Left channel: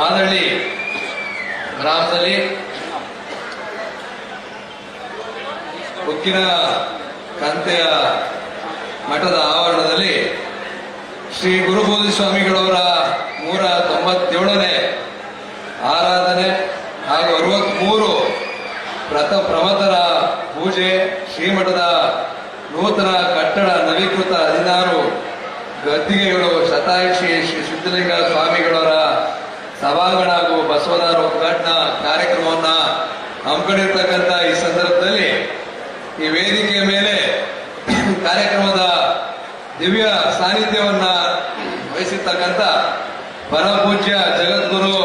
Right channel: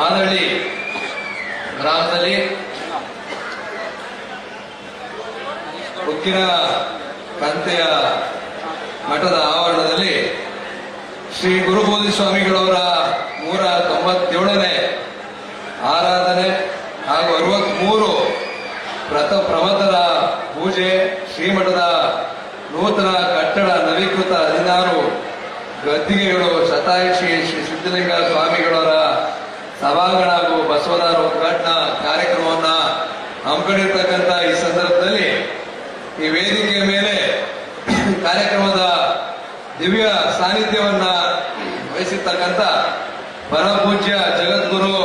ಮಾದಳ್ಳಿ ಗ್ರಾಮದಲ್ಲಿ ಉಕ್ಕಿನ ಕಂತೆಯ ಮಠದ ಆವರಣದಲ್ಲಿ ಶ್ರೀ ಗುರುಬೋಧಿ ಸ್ವಾಮಿಗಳವರ 197ನೇ ಆರಾಧನೆ ಹಾಗೂ 63 ಪ್ರಮಥರ ಪೂಜೆ, ಶ್ರೀಮಠದ ನೂತನ ಕಟ್ಟಡ ನವೀಕೃತ 16 ಗದ್ದಿಗೆಗಳು, ಶತಾಯುಷಿ ಶ್ರೀ ಸಿದ್ದಲಿಂಗ ಸ್ವಾಮಿಗಳವರ ಸಭಾಂಗಣ ಹಾಗೂ ಬಸವದಾರ ಉದ್ಘಾಟನಾ ಕಾರ್ಯಕ್ರಮವನ್ನ ಹಮ್ಮಿಕೊಂಡಿರ್ತಕ್ಕಂಥ ಈ ಸಂದರ್ಭದಲ್ಲಿ ಈ ವೇದಿಕೆಯ ಮೇಲೆ ಕಾರ್ಯಕ್ರಮದ ದಿವ್ಯ ಸಾನ್ನಿಧ್ಯವನ್ನ ವಹಿಸಿರ್ತಕ್ಕಂಥ ಪರಮಪೂಜ್ಯ ಜಗದ್ಗುರು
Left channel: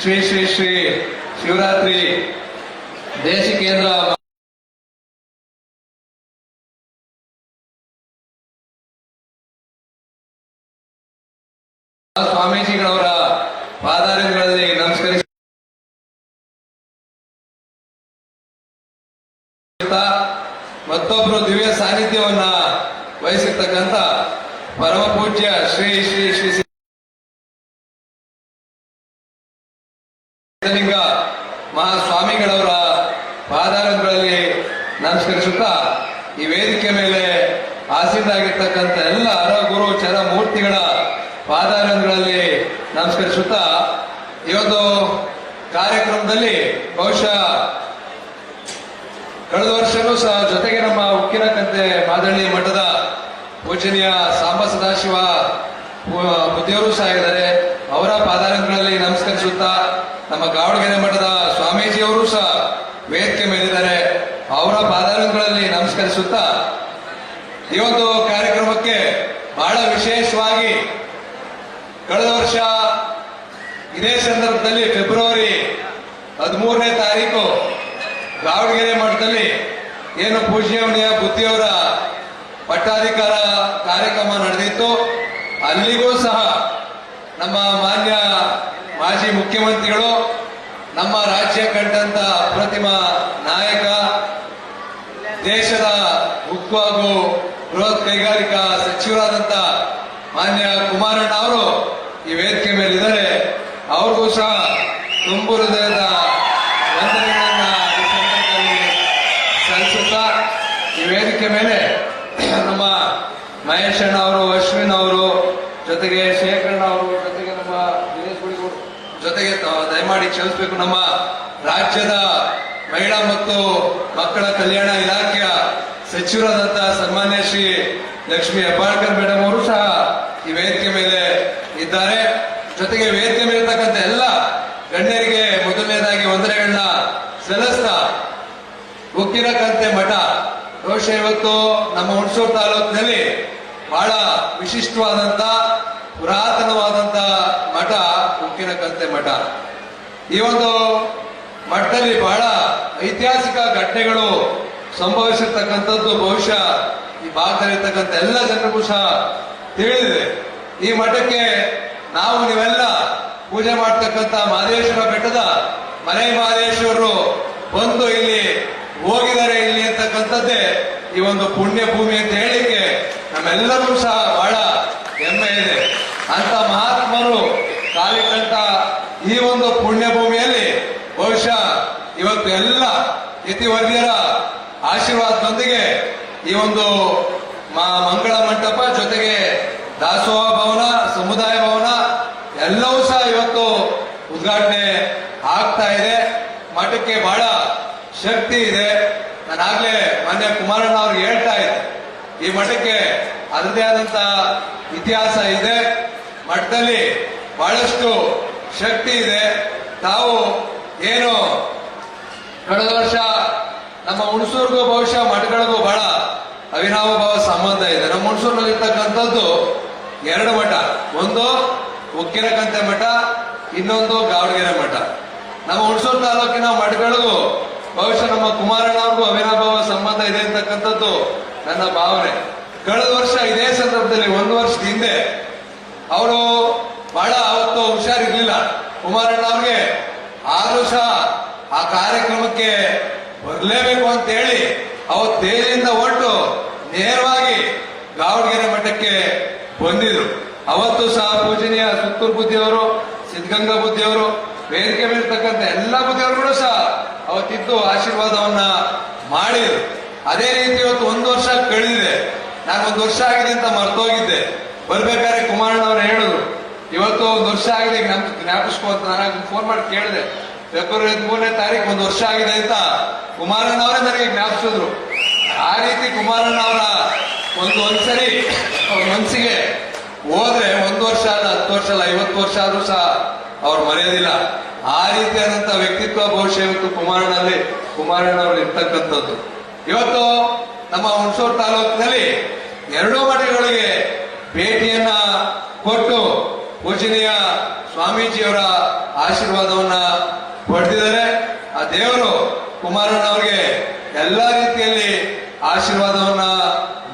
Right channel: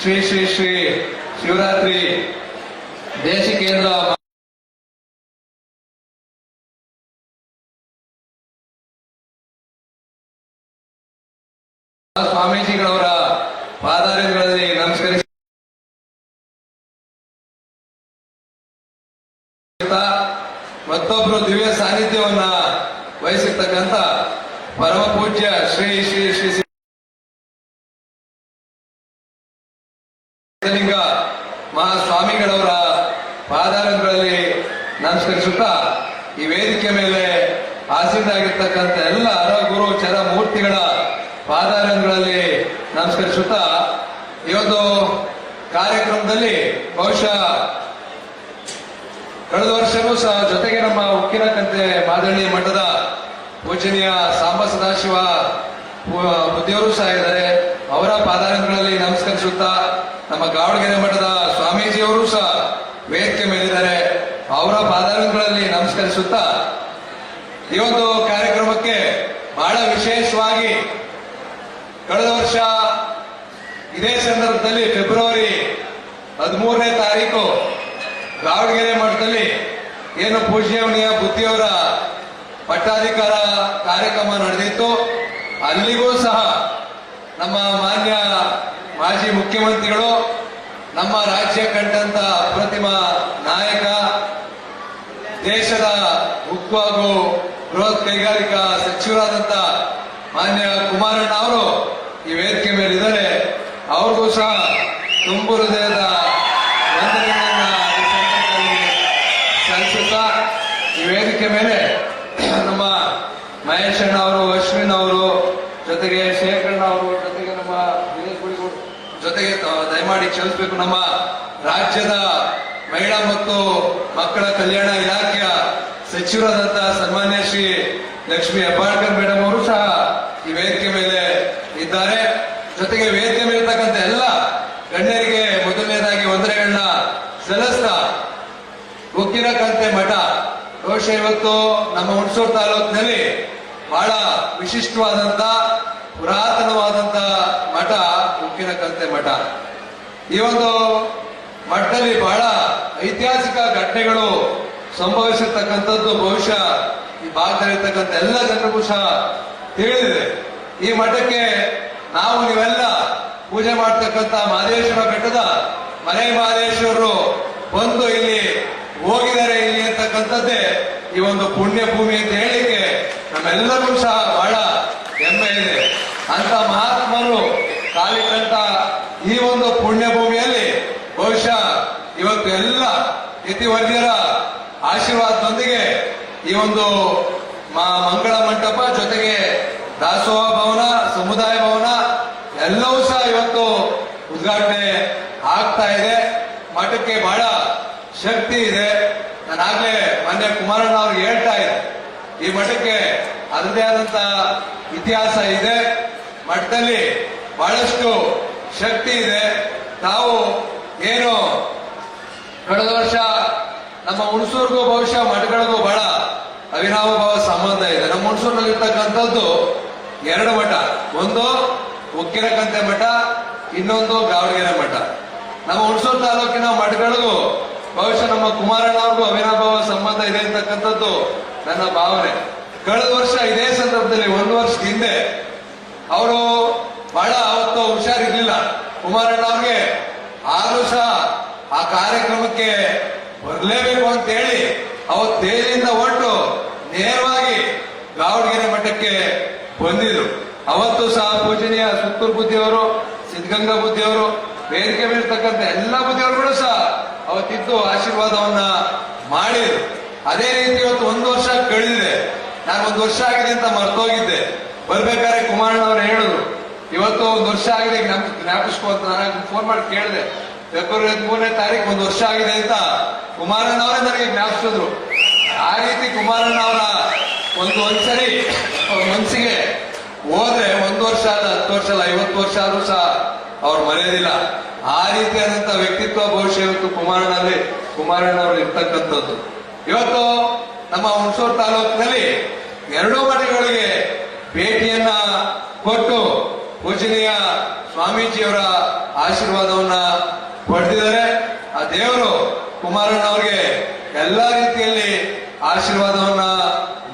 ಶ್ರೀ ಶ್ರೀ ಶ್ರೀ ಶಿವರಾತ್ರಿ ದೇಶಿಕೇಂದ್ರ ಸ್ವಾಮೀಜಿಗಳವರ ಪಾದಾರಗಳಲ್ಲಿ ನಮಸ್ಕರಿಸಿ ಮತ್ತೊಬ್ಬರು ದಿವ್ಯ ಸಾನ್ನಿಧ್ಯವನ್ನ ವಹಿಸಿರ್ತಕ್ಕಂಥ ಪರಮ ಪೂಜ್ಯ ಶ್ರೀ ಶ್ರೀ ಶ್ರೀ ಸಿದ್ದಲಿಂಗ ಮಹಾಸ್ವಾಮಿಗಳವರ ಪಾದಾರಗಳಲ್ಲಿ ನಮಸ್ಕರಿಸುತ್ತಾ ಈ ವೇದಿಕೆ ಮೇಲೆ ಆಸೀನರಾಗಿರ್ತಕ್ಕಂಥ ಎಲ್ಲ ಗುರು ಚರ ಮೂರ್ತಿಗಳ ಪಾದಾರಗಳಲ್ಲಿ ನಮಸ್ಕರಿಸುತ್ತಾ ಇವತ್ತು ಕಾರ್ಯಕ್ರಮದಲ್ಲಿ ಬಹುಶಃ ಕಳೆದ ವರ್ಷನೂ ಸಹ ಜೊತೆಗೆ ನಮ್ಮ ಉಕ್ಕಿನ ಕಂತೆ ಮಾದಳ್ಳಿ ಮಠದ ಪೂಜನೀಯ ಸಾಂಬ ಸದಾಶಿವ ಬುದ್ಧಿಯವರು ಸಹ ಇದ್ದಾರೆ. ಅವರ ಪಾದಾರಗಳಲ್ಲಿ ನಮಸ್ಕರಿಸುತ್ತಾ ನಮ್ಮ ಗಾವಣಗೆರೆ ಮಠದ ಸ್ವಾಮೀಜಿಯವರು ಸಹ ವೇದಿಕೆ ಮೇಲಿದ್ದಾರೆ. ಅವರ ಪಾದಾರಗಳಲ್ಲಿ ನಮಸ್ಕರಿಸುತ್ತಾ ಈ ಒಂದು ಕಾರ್ಯಕ್ರಮಕ್ಕೆ ಬಹಳ ವಿಶೇಷವಾಗಿ ಕಳೆದ ವರ್ಷ ಇದೇ ಸಂದರ್ಭದಲ್ಲಿ ಫೆಬ್ರವರಿ 13ನೇ ತಾರೀಕು ಗಾವಣಗೆರೆ ಮಠದಲ್ಲಿ ಏನು ಪೂಜ್ಯವನಿಯ ಬುದ್ಧಿಯವರ ಪಟ್ಟಾಧಿಕಾರ ಕಾರ್ಯಕ್ರಮ ನಡೆದಿತ್ತು. ಅಲ್ಲಿಗೂ ಸಹ ನಮ್ಮ ಮಾನ್ಯ ಮಾಜಿ ಮುಖ್ಯಮಂತ್ರಿಗಳು, ನಮ್ಮ ರಾಜ್ಯ ಕಂಡಂತ ಅಪ್ರತಿಮ ನಾಯಕ, ದೇಶದ ಉಕ್ಕು ಹಾಗೂ ಬೃಹತ್ ಕೈಗಾರಿಕಾ ಸಚಿವರಾದಂತ ಮಾನ್ಯ ಕುಮಾರಣ್ಣ ಅವರು ಈ ವೇದಿಕೆ ಮೇಲಿದ್ದಾರೆ. ಅವ್ರಿಗೂ ಸಹ ತುಂಬು ಹೃದಯದ ವಂದನೆಗಳನ್ನ ಈ ಸಂದರ್ಭದಲ್ಲಿ ಸಲ್ಲಿಸುತ್ತಾ ಈ ವೇದಿಕೆ ಮೇಲೆ ನಮ್ಮ ಮಹೇಶ್ ಅಣ್ಣ ಅವರು, ಅಶ್ವಿನ್ ಅವರು, ಜೊತೆಗೆ ಶೇಖರಣ್ಣ ಅವರು, ಜೊತೆಗೆ ನಮ್ಮ ದಿನೇಶ್ ಗುಡಿಗೌಡ ಜೊತೆಗೆ ದಯಮಾಡಿ ಕ್ಷಮಿಸಬೇಕು, ನಮ್ಮ ರಾಜ್ಯದ ಮಹಿಳಾ ಮತ್ತು ಮಕ್ಕಳ ಕಲ್ಯಾಣ ಇಲಾಖೆಯ ಸಚಿವರಾದಂತಹ ಸನ್ಮಾನ್ಯ ಶ್ರೀ ಲಕ್ಷ್ಮೀ ಹೆಬ್ಬಾಳ್ಕರ್ ಮೇಡಮ್ ಅವರು ಸಹ ಈ ವೇದಿಕೆ ಮೇಲೆ ಇದ್ದಾರೆ. ಜೊತೆಗೆ ವೇದಿಕೆ ಮೇಲೆ ಇರ್ತಕ್ಕಂಥ ಎಲ್ಲ ಗಣ್ಯರಿಗೆ ಮೊದಲನೇದಾಗಿ ವಂದನೆಗಳನ್ನ ಸಲ್ಲಿಸ್ತಾ ಉಕ್ಕಿನ ಕಂತೆ ಮಠ ಬಹುಶಃ ಇವತ್ತು ನಮ್ಮ ಹುಣಸೂರು ತಾಲೂಕಿನಲ್ಲಿ ಬಹಳ ವಿಶಿಷ್ಟವಾದಂತ ಪುರಾತನವಾದಂತ ಮಠ ಉಕ್ಕಿನ ಕಂತೆ ಮಠ. ಈ ಒಂದು ಮಠದಲ್ಲಿ ಬಹಳ ಐತಿಹಾಸಿಕ ಘಟನೆಗಳು ಸಂಭವಿಸಿರ್ತಕ್ಕಂಥದ್ದು ಬಹುಶಃ ಈ ಭಾಗದಲ್ಲಿರ್ತಕ್ಕಂಥ ಎಲ್ಲ ಜನರಿಗೂ ಸಹ ತಿಳಿದಿದೆ. ಈ ಮಠಕ್ಕೆ ನಾವು ನೀವೆಲ್ಲ ಪೂಜೆ ಮಾಡ್ತಕ್ಕಂಥ ಮಹದೇಶ್ವರ ಬೆಟ್ಟದ ಮನೆ ಮಹದೇಶ್ವರರು ಬಂದು ಇಲ್ಲಿ ಹೋಗಿದ್ದಾರೆ ಇಲ್ಲಿ ಅಂತಕ್ಕಂಥದ್ದೇ ಈ ಒಂದು ಪುಣ್ಯ ಭೂಮಿ ಅಂತ ಹೇಳಿಕ್ಕೆ ನಮ್ಮೆಲ್ಲರಿಗೂ ಸಹ ಬಹಳ ಹೆಮ್ಮೆ ಇದೆ. ಅಂತ ಮಹಾತ್ಮರು ಕಾಲಿಟ್ಟಂತ ಈ ಒಂದು ಪುಣ್ಯ ಭೂಮಿಯಲ್ಲಿ ಬಹುಶಃ ಇವತ್ತು ಎಲ್ಲ ಯತಿವರ್ಯರ ಆಶೀರ್ವಾದದೊಂದಿಗೆ ಈ ಒಂದು ಮಂಗಳ ಮಂಟಪ ಜೊತೆಗೆ ದಾಸೋಹ ಭವನ, ಸಮುದಾಯ ಭವನ ಎಲ್ಲವೂ ಸಹ ಇವತ್ತು ಉದ್ಘಾಟನೆ ಆಗ್ತಾ ಇದೆ. ಮಠಕ್ಕೆ ಬಹಳ ಶಕ್ತಿ ಇದೆ. ನಾನಾಗ್ಲೇ ಮೊನ್ನೆ ಕುಮಾರಣ್ಣ ಅವ್ರಿಗೆ ಹೇಳ್ತಾ ಇದ್ದೆ, ಈ ಮಠಕ್ಕೆ ಅದರದೇ ಆದಂತ ಇತಿಹಾಸ ಇದೆ. ಮಠದಲ್ಲಿ ಬಹಳಷ್ಟು ಶಕ್ತಿ ಇದೆ. ತಾವು ಏನು ಕಳೆದ ವರ್ಷ ನಮ್ಮ ಹುಣಸೂರಿಗೂ ಬಹುಶಃ ಮಠಗಳಿಗೂ ಬಹಳ ಅವಿನಾಭಾವ ಸಂಬಂಧ ಇದೆ. ನಮ್ಮ ಹುಣಸೂರಿನಲ್ಲಿರ್ತಕ್ಕಂಥದ್ದು 2 ಮಠ, ಒಂದು ಉಕ್ಕಿನ ಕಂತೆ ಮಠ, ಇನ್ನೊಂದು ಗಾವಣಗೆರೆ ಮಠ. ನಮ್ಮ ಹುಣಸೂರು ತಾಲೂಕಿನ ಮಠಗಳಿಗೂ ಬಹುಶಃ ನಮ್ಮ ಕುಮಾರಣ್ಣ ಅವ್ರಿಗೂ ಅವಿನಾಭಾವ ಸಂಬಂಧ ಇದೆ ಅಂತಕ್ಕಂಥದ್ದು ನನ್ನ ಭಾವನೆ. ಕಳೆದ ವರ್ಷ ಇದೇ ಸಂದರ್ಭದಲ್ಲಿ 1 ವರ್ಷದ ಹಿಂದೆ ಅವರು ಬಹಳ ಅವತ್ತು ಹುಷಾರಿರ್ಲಿಲ್ಲ ಕುಮಾರಣ್ಣ ಅವ್ರಿಗೆ, ಆದ್ರೂ ಸಹ ಆ ಕಾರ್ಯಕ್ರಮಕ್ಕೆ ಬರಲೇಬೇಕು ಅಂತ ಹೇಳಿ ಅವತ್ತು ದೇಹದಿಂದ ಹೊರಟು ನೇರವಾಗಿ ಗಾವಣಗೆರೆ ಮಠಕ್ಕೆ ಬಂದಿದ್ರು. ಅವತ್ತು ಸಹ ಪೂಜನೀಯ ಸುತ್ತೂರು ಬುದ್ಧಿಯವರು, ಸಿದ್ಧಗಂಗಾ ಬುದ್ಧಿಯವರು, ವೇದಿಕೆ ಮೇಲಿರ್ತಕ್ಕಂಥ ಎಲ್ಲ ಬುದ್ಧಿಯವರುಗಳು ಸಹ ಅವತ್ತಿದ್ದು ಆಶೀರ್ವಾದವನ್ನ ಮಾಡಿದ್ರು. ಅದೇ ರೀತಿ ಇವತ್ತು 1 ವರ್ಷ ಕಳೆದಿದೆ. ನಾನು 1 ವರ್ಷ ಆಗಿದೆ ಅಂತ ಮರ್ತೋಗಿದ್ದೆ. ಬರ್ಬೇಕಾದ್ರೆ ಕುಮಾರಣ್ಣವ್ರು ಹೇಳಿದ್ರು, ಇವತ್ತು 1 ವರ್ಷ ಆಗಿದೆ ಜ್ಞಾಪಿಸ್ಕೋ ಅಂತ. ನಾನು ಫೋನ್ ಮಾಡಿ ಕೇಳಿದೆ, ಫೆಬ್ರವರಿ 13ನೇ ತಾರೀಕು 1 ವರ್ಷ ಆಗಿದೆ ಅಂತ ಕುಮಾರಣ್ಣವರೇ ನನಗೆ ಜ್ಞಾಪಿಸಿದ್ರು. ಆ ರೀತಿ ಕುಮಾರಣ್ಣವರ ಒಂದ್ಸರಿ ಅವ್ರ ಮನಸ್ಸಿಗೆ ಹೋದ್ರೆ 1 ವರ್ಷ ಅಲ್ಲ, 10 ವರ್ಷ ಅಲ್ಲ, 50 ವರ್ಷ ಆದ್ರೂ ಸಹ ಅವ್ರು ಮರೆಯೋದಿಲ್ಲ. ಆ ರೀತಿಯಾದಂತ ವ್ಯಕ್ತಿತ್ವ ಬಹುಶಃ ಇವತ್ತು ಕುಮಾರಣ್ಣವ್ರಲ್ಲಿ ಇರ್ತಕ್ಕಂಥದ್ದು. ಇವತ್ತು ನಮ್ಮ ಹುಣಸೂರು ತಾಲೂಕಿನಲ್ಲಿ 2 ಮಠಗಳಿಗೆ ಭೇಟಿಯನ್ನ ಕೊಟ್ಟು ಪೂಜನೀಯ ಸ್ವಾಮೀಜಿಯವರ ಆಶೀರ್ವಾದವನ್ನ ಪಡೆದಿದ್ದಾರೆ. ಆ ದೇವರು ಕುಮಾರಣ್ಣವ್ರಿಗೆ ಎಲ್ಲಾ ರೀತಿಯಲ್ಲಿ ಆಶೀರ್ವಾದವನ್ನ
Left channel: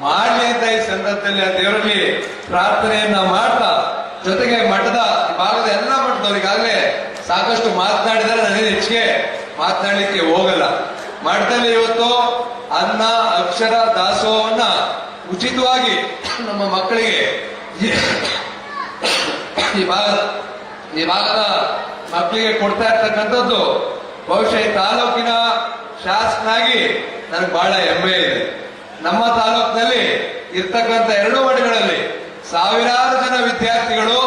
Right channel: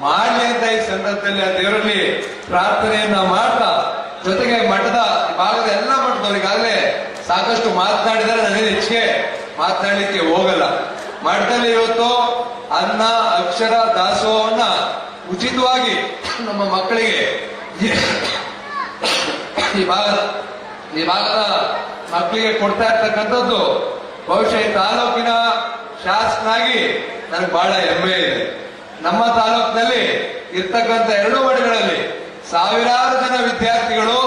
ಮಾಡಲಿ ಅಂತ ಈ ಸಂದರ್ಭದಲ್ಲಿ ಆ ದೇವರಲ್ಲಿ ಪ್ರಾರ್ಥನೆಯನ್ನ ಮಾಡ್ತಾ, ಜೊತೆಗೆ ಮಠದ ಭಾಗದ ಎಲ್ಲ ಮಠದವರಿಗಾಗಲೇ ಸಾಕಷ್ಟು ಮಾತನಾಡಿದರೆ ನನಗೆ ಹೆಚ್ಚಿಗೆ ಮಾತನಾಡಲಿಕ್ಕೆ ಹೋಗಲ್ಲ. ಮಠದಲ್ಲಿ ಇವತ್ತು ಅನ್ನ ಅಕ್ಷರ ದಾಸೋಹವನ್ನ ಉಚಿತವಾಗಿ ನಮ್ಮ ಮಕ್ಕಳಿಗೆ ಈ ಭಾಗದ ಮಕ್ಕಳಿಗೆ ಕೊಡ್ತಾ ಇರ್ತಕ್ಕಂಥದ್ದು ಬಹುಶಃ ಈ ತಾಲೂಕಿನ ಶಾಸಕನಾಗಿ ನನಗೆ ಬಹಳ ಹೆಮ್ಮೆ ಇದೆ. ನಮ್ಮ ತಾಲೂಕಿನಲ್ಲಿ ಇರ್ತಕ್ಕಂಥ 2 ಮಠಗಳಲ್ಲಿ ಸಾವಿರಾರು ಜನ ವಿದ್ಯಾರ್ಥಿಗಳು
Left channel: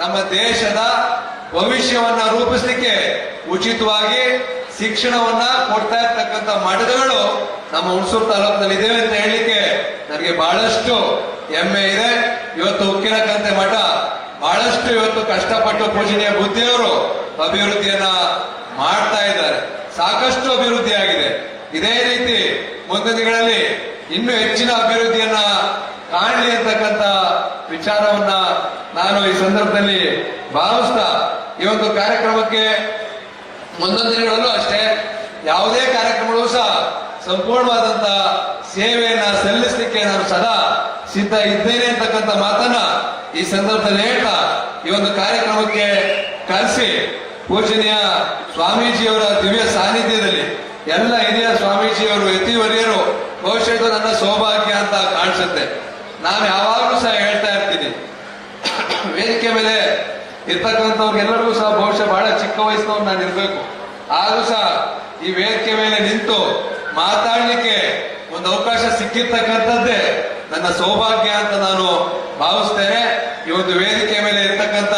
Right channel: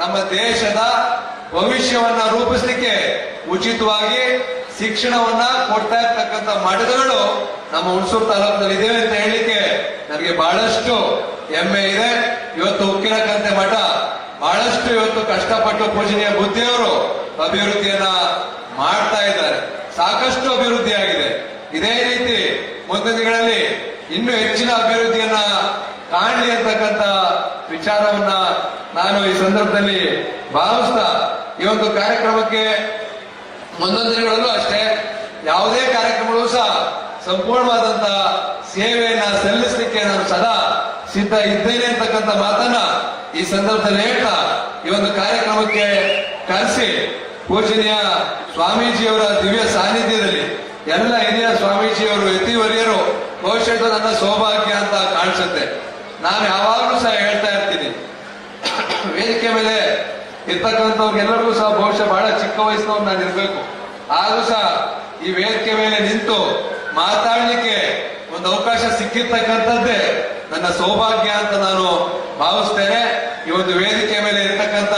ನಮ್ಮ ದೇಶದ ಭವಿಷ್ಯವನ್ನ ರೂಪಿಸಲಿಕ್ಕೆ ಉಚಿತವಾಗಿ ಶಿಕ್ಷಣವನ್ನ ಕೊಡ್ತಾ ಇರ್ತಕ್ಕಂಥ ಮಠಗಳು ನಮ್ಮ ಹುಣಸೂರು ತಾಲೂಕಿನಲ್ಲಿ ಇದ್ದೇವೆ ಅಂತ ಹೇಳಲಿಕ್ಕೆ ನನಗೆ ಬಹಳಷ್ಟು ಹೆಮ್ಮೆ ಇದೆ. ಇವತ್ತು ಉಕ್ಕಿನಕಂತೆ ಮಠ ಬಹಳಷ್ಟು ಇವತ್ತು ಕಷ್ಟಪಟ್ಟು ಪೂಜನೀಯ ಬುದ್ಧಿಯವರು ಅಭಿವೃದ್ಧಿಯನ್ನ ಮಾಡ್ತಾ ಇದ್ದಾರೆ. ಸಾಕಷ್ಟು ಅಭಿವೃದ್ಧಿ ಆಗಿದೆ. ಇದೇ ರೀತಿ ಮುಂದಿನ ದಿನಗಳಲ್ಲಿ ಇನ್ನೂ ಹೆಚ್ಚಿನ ಅಭಿವೃದ್ಧಿಯನ್ನ ಕಾಣಲಿ ಅಂತಕ್ಕಂಥ ವಿಚಾರವನ್ನ ನಾನು ಈ ಸಂದರ್ಭದಲ್ಲಿ ಭಾವಿಸ್ತಾ, ಈ ಒಂದು ಕಾರ್ಯಕ್ರಮಕ್ಕೆ ಮುಂದಿನ ದಿನಗಳಲ್ಲೂ ಅಷ್ಟೇ ಯಾವುದೇ ಕಾರ್ಯಕ್ರಮಗಳು ಸಹ ಸಂಪೂರ್ಣವಾದಂತ ಸೇವೆಯನ್ನ ಸಲ್ಲಿಸಲಿಕ್ಕೆ ನಾನು ಸದಾ ಸಿದ್ಧ ಇದ್ದೇನೆ ಅಂತಕ್ಕಂಥ ಮಾತನ್ನ ಈ ಸಂದರ್ಭದಲ್ಲಿ ಹೇಳ್ತಾ, ಈ ಒಂದು ಕಾರ್ಯಕ್ರಮಕ್ಕೆ ಕರೆಸಿ ಪೂಜನೀಯ ಸ್ವಾಮೀಜಿಯವರ ದಿವ್ಯ ಸಾನ್ನಿಧ್ಯದಲ್ಲಿ ಎಲ್ಲ ಹಿರಿಯ ಸ್ವಾಮೀಜಿಯವರು ಯತಿವರಿಯರು ಬಹುಶಃ ಇದು ನನ್ನ ಸೌಭಾಗ್ಯ ಅಂತ ಕಾಣಿಸುತ್ತೆ. ನಾನು ಯಾವಾಗಲೂ ಸಹ ಹೇಳ್ತಾ ಇರ್ತೀನಿ, ವೇದಿಕೆ ಮೇಲೆ ಇರ್ತಕ್ಕಂಥವ್ರಿಗೆಲ್ಲರಿಗೂ ಸಹ ಬಹುಶಃ ಬಹಳ ಚಿಕ್ಕ ವಯಸ್ಸಿನವ್ರು ನಾನು ಇರ್ಬೇಕು, ಆದ್ರೂ ಸಹ ಈ ವೇದಿಕೆ ಮೇಲೆ ನಿಂತು ಮಾತಾಡ್ಲಿಕ್ಕೆ ಒಂದು ಅವಕಾಶ ಸಿಕ್ಕಿರ್ತಕ್ಕಂಥದ್ದೇ ನನ್ನ ಸೌಭಾಗ್ಯ ಅಂತ ನಾನು ಭಾವಿಸ್ತೇನೆ. ಈ ಒಂದು ವೇದಿಕೆ ಮೇಲೆ ಇರ್ತಕ್ಕಂಥ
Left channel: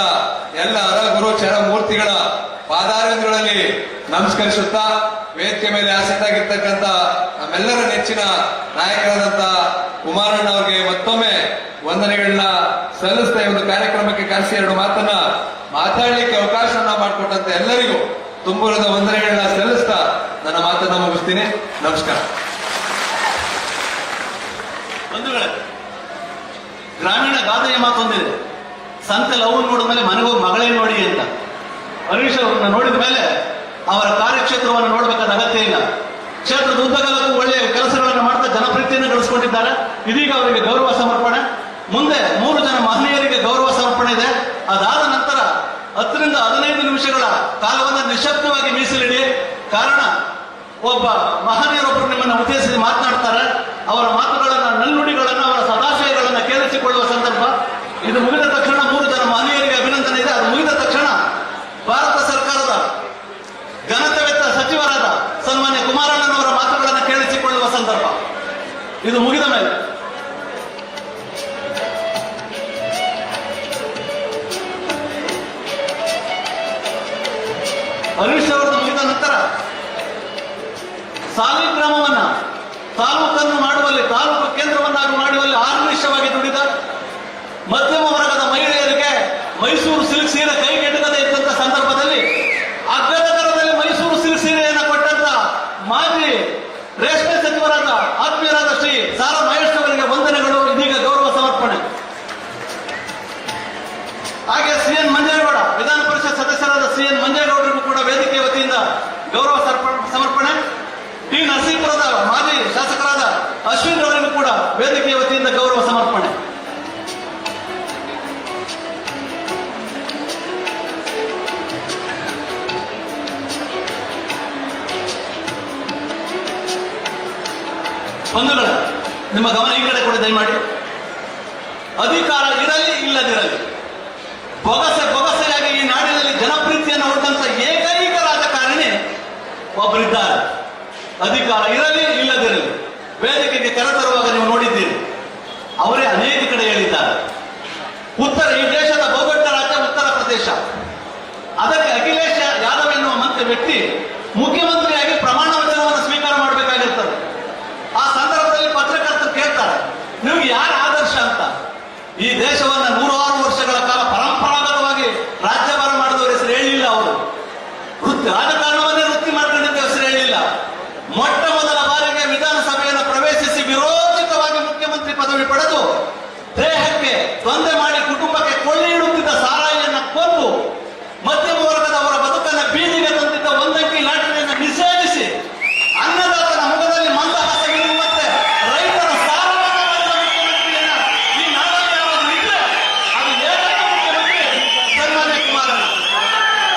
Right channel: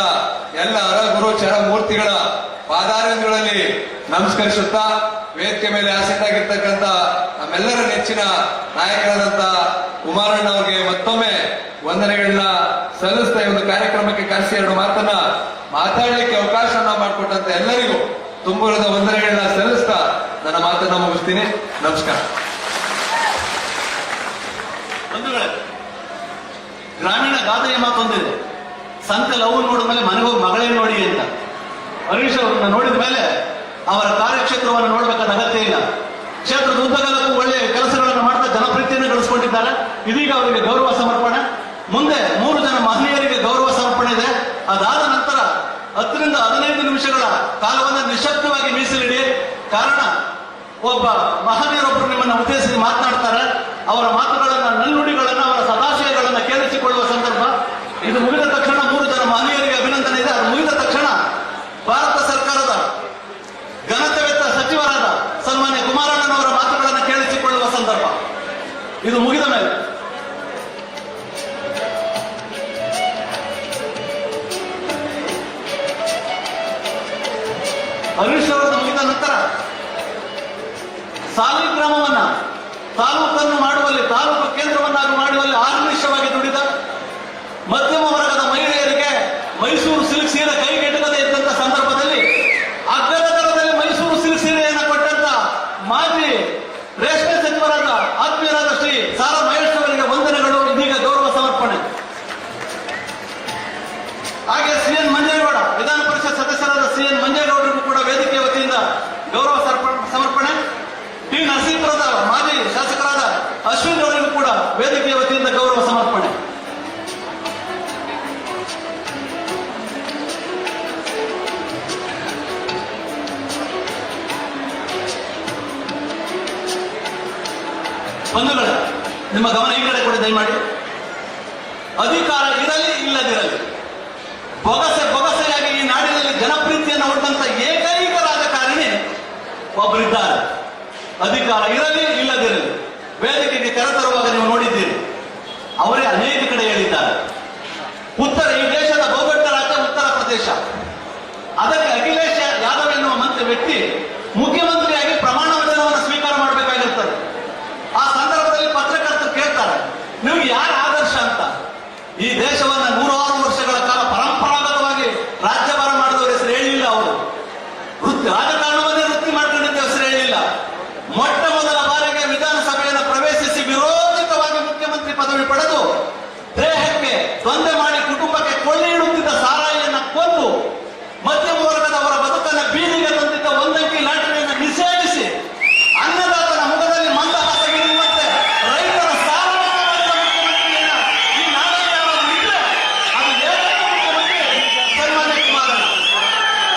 ಎಲ್ಲ ಹರಗುರು ಚರಮೂರ್ತಿಗಳ ಪಾದಾರಗಳಲ್ಲಿ ನಮಸ್ಕರಿಸುತ್ತಾ, ವೇದಿಕೆ ಮೇಲೆ ಆಸಕ್ತಾಗಿರ್ತಕ್ಕಂಥ ನಮ್ಮೆಲ್ಲರ ನೆಚ್ಚಿನ ನಾಯಕರಾದಂತ ಕುಮಾರಣ್ಣ ಅವರಿಗೆ ಮತ್ತೊಮ್ಮೆ ವಂದನೆಗಳನ್ನ ಸಲ್ಲಿಸ್ತಾ ಈ ಒಂದು ಕಾರ್ಯಕ್ರಮಕ್ಕೆ ಕರೆಸಿ 2 ಮಾತನ್ನ ಮಾತಾಡಲಿಕ್ಕೆ ಅವಕಾಶವನ್ನ ಮಾಡಿಕೊಟ್ಟಂತ ಎಲ್ಲರಿಗೂ ತುಂಬುರದ ವಂದನೆಗಳನ್ನ ಸಲ್ಲಿಸ್ತಾ ನನ್ನ ಮಾತನ್ನ ಮುಗಿಸ್ತೀನಿ. ನಮಸ್ಕಾರ. ಬಂಧುಗಳೇ, ಗ್ರಾಮೀಣ ಗಾದೆಯ ಮಾತೊಂದಿದೆ, ಸಂತ ಲವ್ ನೋಡಿದ ಮೇಲೆ ಮನೆಗೋಗಿ ಮಗಳೇ ನೋಡಿ ಅಂತ. ಹರೀಶ್ ಅವ್ರನ್ನ ನೋಡಿದ ಮೇಲೆ ಅವರ ಕಾರ್ಯಕ್ಷೇತ್ರವನ್ನು ನೋಡಬೇಕಾದ ಅಗತ್ಯ ಇಲ್ಲ. ಕ್ಷೇತ್ರದ ಉದ್ದಗಲಕ್ಕೂ ಒಳ್ಳೆಯ ಕೆಲಸಗಳನ್ನು ಮಾಡ್ತಾ ಜನಪ್ರಿಯತೆಯನ್ನು ಗಳಿಸಿಕೊಂಡಿದ್ದಾರೆ. ಇದೀಗ ಅವರಿಗೆ ಗೌರವ ಸಮರ್ಪಣೆ, ಮುಂದೆ 3 ಜನ ಮಹನೀಯರಿಗೆ ಗೌರವ ಸಮರ್ಪಣೆ ಇದೆ. ಅದಾದ ನಂತರ 10 ರಿಂದ 15 ನಿಮಿಷಗಳ ಕಾಲವನ್ನು ನಿಶಬ್ದವಾಗಿ ಮೀಸಲಿಡಿ. ಕಾರಣ, ಒಬ್ಬ ಮಹನೀಯರೊಬ್ಬರು ನಿಮ್ಮನ್ನು ಉದ್ದೇಶಿಸಿ ಮಾತನಾಡ್ತಾರೆ. ಅವರ ಮಾತುಗಳನ್ನ, ನಲ್ನುಡಿಗಳನ್ನ, ಅವರ ಸದಾಶಯಗಳನ್ನ ಕೇಳಿಸಿಕೊಳ್ಳುವ ಸಂದರ್ಭ ಇದು. ಮುಗಿದ ತಕ್ಷಣ 3 ಜನ ಮಹನೀಯರಿಗೆ ಅಭಿನಂದನೆ ಇದೆ. ಅದು ಮುಗಿದ ತಕ್ಷಣ ಭಾರತ ಸರ್ಕಾರದ ಘನತೆವೆತ್ತ ಸಚಿವರಾದ ಸನ್ಮಾನ್ಯ ಕುಮಾರಣ್ಣನವರ ಮಾತುಗಳನ್ನು ಕೇಳಿಸಿಕೊಳ್ಳುವ ಸಂದರ್ಭ ಇದು. ಮುಗಿದ ಮೇಲೆ ಹರೀಶ್ ಅವರದ್ದು ಮುಗಿದ ನಂತರ ಸಾಲಿಗ್ರಾಮವನ್ನ ತಾಲೂಕನ್ನು ಮಾಡುವಲ್ಲಿ, ತಾಲೂಕು ಕೇಂದ್ರವನ್ನಾಗಿ ಮಾಡುವಲ್ಲಿ ಆರ್ನಿಶವಾಗಿ ದುಡಿದ ಮಧ್ಯಮ ವರ್ಗದ ಮಹಿಳೆಯರಿಗೆ ಮೈಸೂರು ಸಿಲ್ಕ್ ಸೀರೆ ಕೈಗೆಟಕದೇ ಇದ್ದಂತ ಸಂದರ್ಭದಲ್ಲಿ ಅಗ್ಗದ ದರದಲ್ಲಿ ಮೈಸೂರು ಸಿಲ್ಕ್ ಸೀರೆಯನ್ನು ಕೊಟ್ಟಂತ ಮಾಜಿ ರೇಷ್ಮೆ ಸಚಿವರಾದ ಆತ್ಮೀಯರಾದ ಶ್ರೀ ಸಾರಾ ಮಹೇಶ್ ಅವರಿಗೆ ವಂದನೆಗಳು. ಇದೀಗ ಗೌರವ ಸಮರ್ಪಣೆ. ಹಾಗೆ CN ಮಂಜೇಗೌಡ, ವಿಧಾನ ಪರಿಷತ್ ಸದಸ್ಯರಾದ CN ಮಂಜೇಗೌಡರಿಗೂ ಕೂಡ ವೇದಿಕೆ ವತಿಯಿಂದ ಗೌರವ ಸಮರ್ಪಣೆ. ಟಿ ನರಸೀಪುರದ ಮಾಜಿ ಶಾಸಕರಾದ ಅಶ್ವಿನ್ ಅವರಿಗೂ ಕೂಡ ವೇದಿಕೆಯ ವತಿಯಿಂದ ಗೌರವ ಸಮರ್ಪಣೆ. ಬಂಧುಗಳೇ, ನಿಮ್ಮ ಗಮನ ಈ ಕಡೆ ಕೂಡ ದಯಮಾಡಿ. ಅಧಿಕಾರ ಇರಲಿ ಇಲ್ಲದಿರಲಿ, ಬೊಗಸೆಯಾಗಿ ಈ ನಾಡಿನಲ್ಲಿ ಜನಪ್ರೀತಿಯನ್ನು ಹೊಂದಂತ ಏಕೈಕ ರಾಜಕಾರಣಿ ಒಬ್ಬರಿದ್ದಾರೆ. ಅಧಿಕಾರ ಇರಲಿ ಇಲ್ಲದಿರಲಿ ವೇದಿಕೆಗೆ ಕರೆತರುವಾಗ ನೀವು ನೋಡಿದ್ದೀರಿ, ಅವರೇ ಅನೇಕ ಕಡೆ ಹೇಳಿದ್ದಾರೆ. ಈ ದೇಶದ ಬಹುದೊಡ್ಡ ರಾಜ್ಯ ಉತ್ತರ ಪ್ರದೇಶ, ಅದಕ್ಕೆ ಅಖಿಲೇಶ್ ಯಾದವ್ ಎನ್ನುವ ವ್ಯಕ್ತಿ ಮುಖ್ಯಮಂತ್ರಿಯಾಗಿ ಪ್ರಮಾಣ ವಚನವನ್ನು ಸ್ವೀಕಾರ ಮಾಡಬೇಕಾಗಿರ್ತದೆ. ಆ ಸಂದರ್ಭದಲ್ಲಿ ಪತ್ರಕರ್ತರು ಕೇಳ್ತಾರೆ, ನಿಮ್ಗೆ ಯಾರ ಆದರ್ಶ ಅಂತ. ಈ ದೇಶವನ್ನ 106 ವರ್ಷಗಳ ಕಾಲ ಪರಂಪರಾಗತವಾಗಿ ರಾಜ್ಯಭಾರ ಮಾಡಿದವರು ಹೆಸರು ಹೇಳಿಲ್ಲ. ಅವರು ರಾಜಕಾರಣವನ್ನೇ ವೃತ್ತಿ ಮಾಡ್ಕೊಂಡಿದ್ದ ಹೆಸರು ಹೇಳಿಲ್ಲ. ಮೊಟ್ಟ ಮೊದಲ ಬಾರಿಗೆ ವಿಧಾನಸಭೆಯನ್ನು ಪ್ರವೇಶಿಸಿ ವಿರೋಚಿತವಾಗಿ ಮುಖ್ಯಮಂತ್ರಿ ಪದವಿ ಪಡೆದು ದೇಹಕ್ಕೆ ತೊಂದರೆ ಮಾಡಿ ಕುಟುಂಬಕ್ಕೆ ಕೊಳ್ಳಿ ಇಡುತ್ತಿದ್ದ ಸಾರಾಯಿಯನ್ನು ಕೊಂದು ಮಧ್ಯಮ ವರ್ಗದವರ ಬದುಕನ್ನು ಬೀದಿಗೆ ತಂದಿದ್ದ ಒಂದಂಕಿ ಲಾಟರಿಯನ್ನು ನಿಷೇಧಿಸಿ ಅನ್ನದಾತನ ಮುಖದಲ್ಲಿ ಮಂದಹಾಸ ಬೀರುವಂತೆ ರೈತರ ಸಾಲವನ್ನು ಮಾಡಿದ ಮುಖ್ಯಮಂತ್ರಿಯನ್ನ ಈ ನಾಡಲ್ಲಿ ಯಾರಾದರೂ ಇದ್ರೆ ಅದು ಏಕೈಕ ಮುಖ್ಯಮಂತ್ರಿ ಸನ್ಮಾನ್ಯ ಕುಮಾರಣ್ಣ.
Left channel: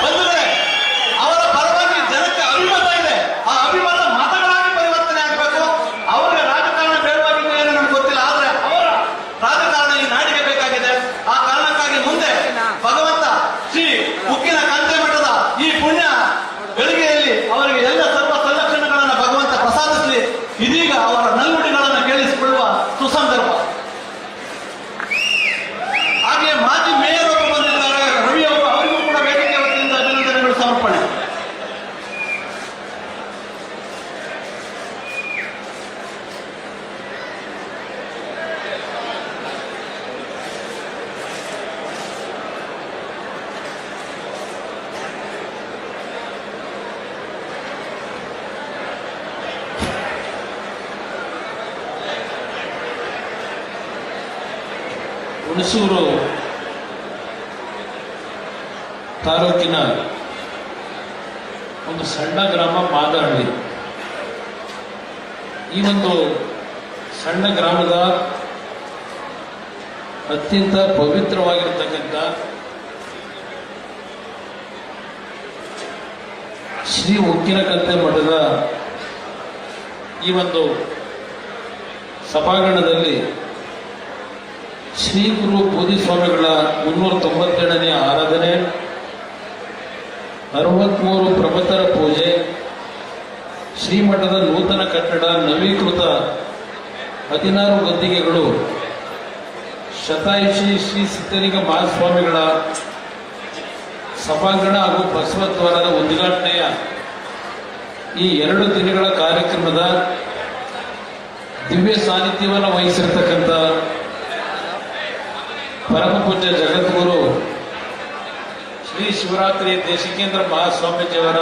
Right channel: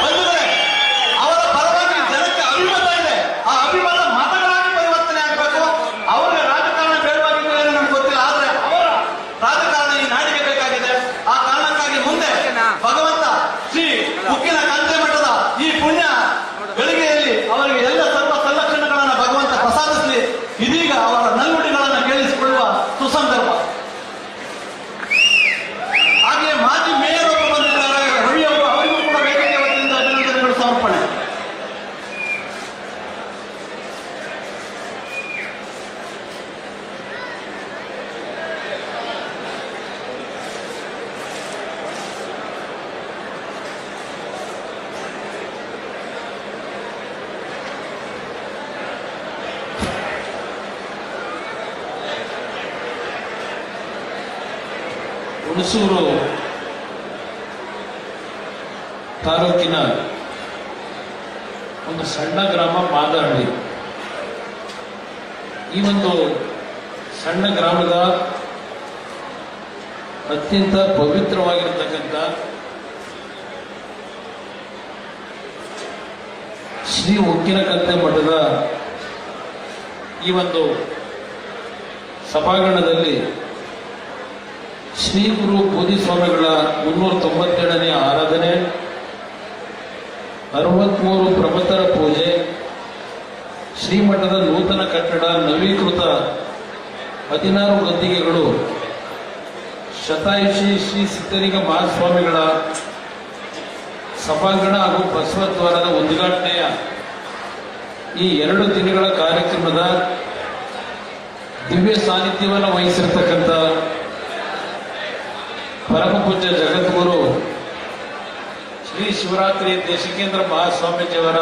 ಬಂಧುಗಳೇ, ಅವರ ಪರವಾಗಿ ಜನಕ್ಕೆ ಅಭಿಮತ ಇದೆ. ಆ ಅಭಿಮತ ಮತಗಳಾಗಿ ಪರಿವರ್ತನೆ ಆಗಬೇಕು. ಅವರಿಗೆ ರಾಜಕಾರಣ ಬೇಡವಾಗಿದ್ದು ಏನೋ ನಮ್ಗೆ ಗೊತ್ತಿಲ್ಲ, ಆದ್ರೆ ಅವರ ರಾಜಕಾರಣ ಈ ನಾಡಿಗೆ ಬೇಕಾಗಿದೆ. ಆ ಕಾರಣಕ್ಕಾಗಿ ಮುಂದೆ ಭಗವಂತ ಶ್ರೀ ಉಕ್ಕಿನ ಕಂತೆ ಮಠದ ಈ ಪುಣ್ಯ ಗಳಿಗೆಯಲ್ಲಿ ಅವರಿಗೆ ಎಲ್ಲ ಸರ್ವ ಸಂರಕ್ಷಣೆಗಳನ್ನು ಭಗವಂತ ಪ್ರಸಾದಿಸಲಿ. ಇದೀಗ ಅವರ ನಲ್ನುಡಿಗಳನ್ನು ಕೇಳಿಸಿಕೊಳ್ಳುವ ಸುಸಂದರ್ಭ. ಹಾಗೆಯೇ ಮಾಜಿ ಮೇಯರ್ ಅವರು ಬಂದಿದ್ದಾರೆ, ರವಿ ಅವರು, ಅವರಿಗೂ ಕೂಡ ವೇದಿಕೆ ವತಿಯಿಂದ ಅಭಿನಂದನೆಗಳು ಸಮರ್ಪಣೆ. ಹುಣಸೂರು ತಾಲೂಕಿನ ಒಂದು ಸಣ್ಣ ಗ್ರಾಮ ಮಾದಹಳ್ಳಿ. ಈ ಒಂದು ಸಣ್ಣ ಗ್ರಾಮದ ಅತ್ಯಂತ ಪವಿತ್ರವಾಗಿರತಕ್ಕಂಥ ಶ್ರೀ ಉಕ್ಕಿನ ಕಂತೆ ಮಠದ ಈ ಒಂದು ಸಭಾಂಗಣದಲ್ಲಿ ಶ್ರೀ ಗುರು ಬೋಧಿಸ್ವಾಮಿಗಳ 397ನೇ ಆರಾಧನೆ, 63 ಪ್ರಬತರ ಪೂಜೆ, ಶ್ರೀಮಠದ ನೂತನ ಕಟ್ಟಡ, ನವೀಕೃತ 16 ಗದ್ದಿಗೆಗಳು, ಶತಾಯುಷಿ ಶ್ರೀ ಸಿದ್ಧಲಿಂಗ ಮಹಾಸ್ವಾಮಿಗಳ ಸಭಾಂಗಣ ಹಾಗೂ ಬಸವದ್ವಾರದ ಉದ್ಘಾಟನೆಯ ಈ 2 ದಿನಗಳ ಕಾರ್ಯಕ್ರಮದ ದಿವ್ಯ ಸಾನ್ನಿಧ್ಯವನ್ನು ವಹಿಸಿರ್ತಕ್ಕಂಥ ಪರಮ ಪೂಜ್ಯ ಜಗದ್ಗುರು ಶ್ರೀ ಶಿವರಾತ್ರಿ ದೇಶಿಕೇಂದ್ರ ಮಹಾಸ್ವಾಮೀಜಿಯವರ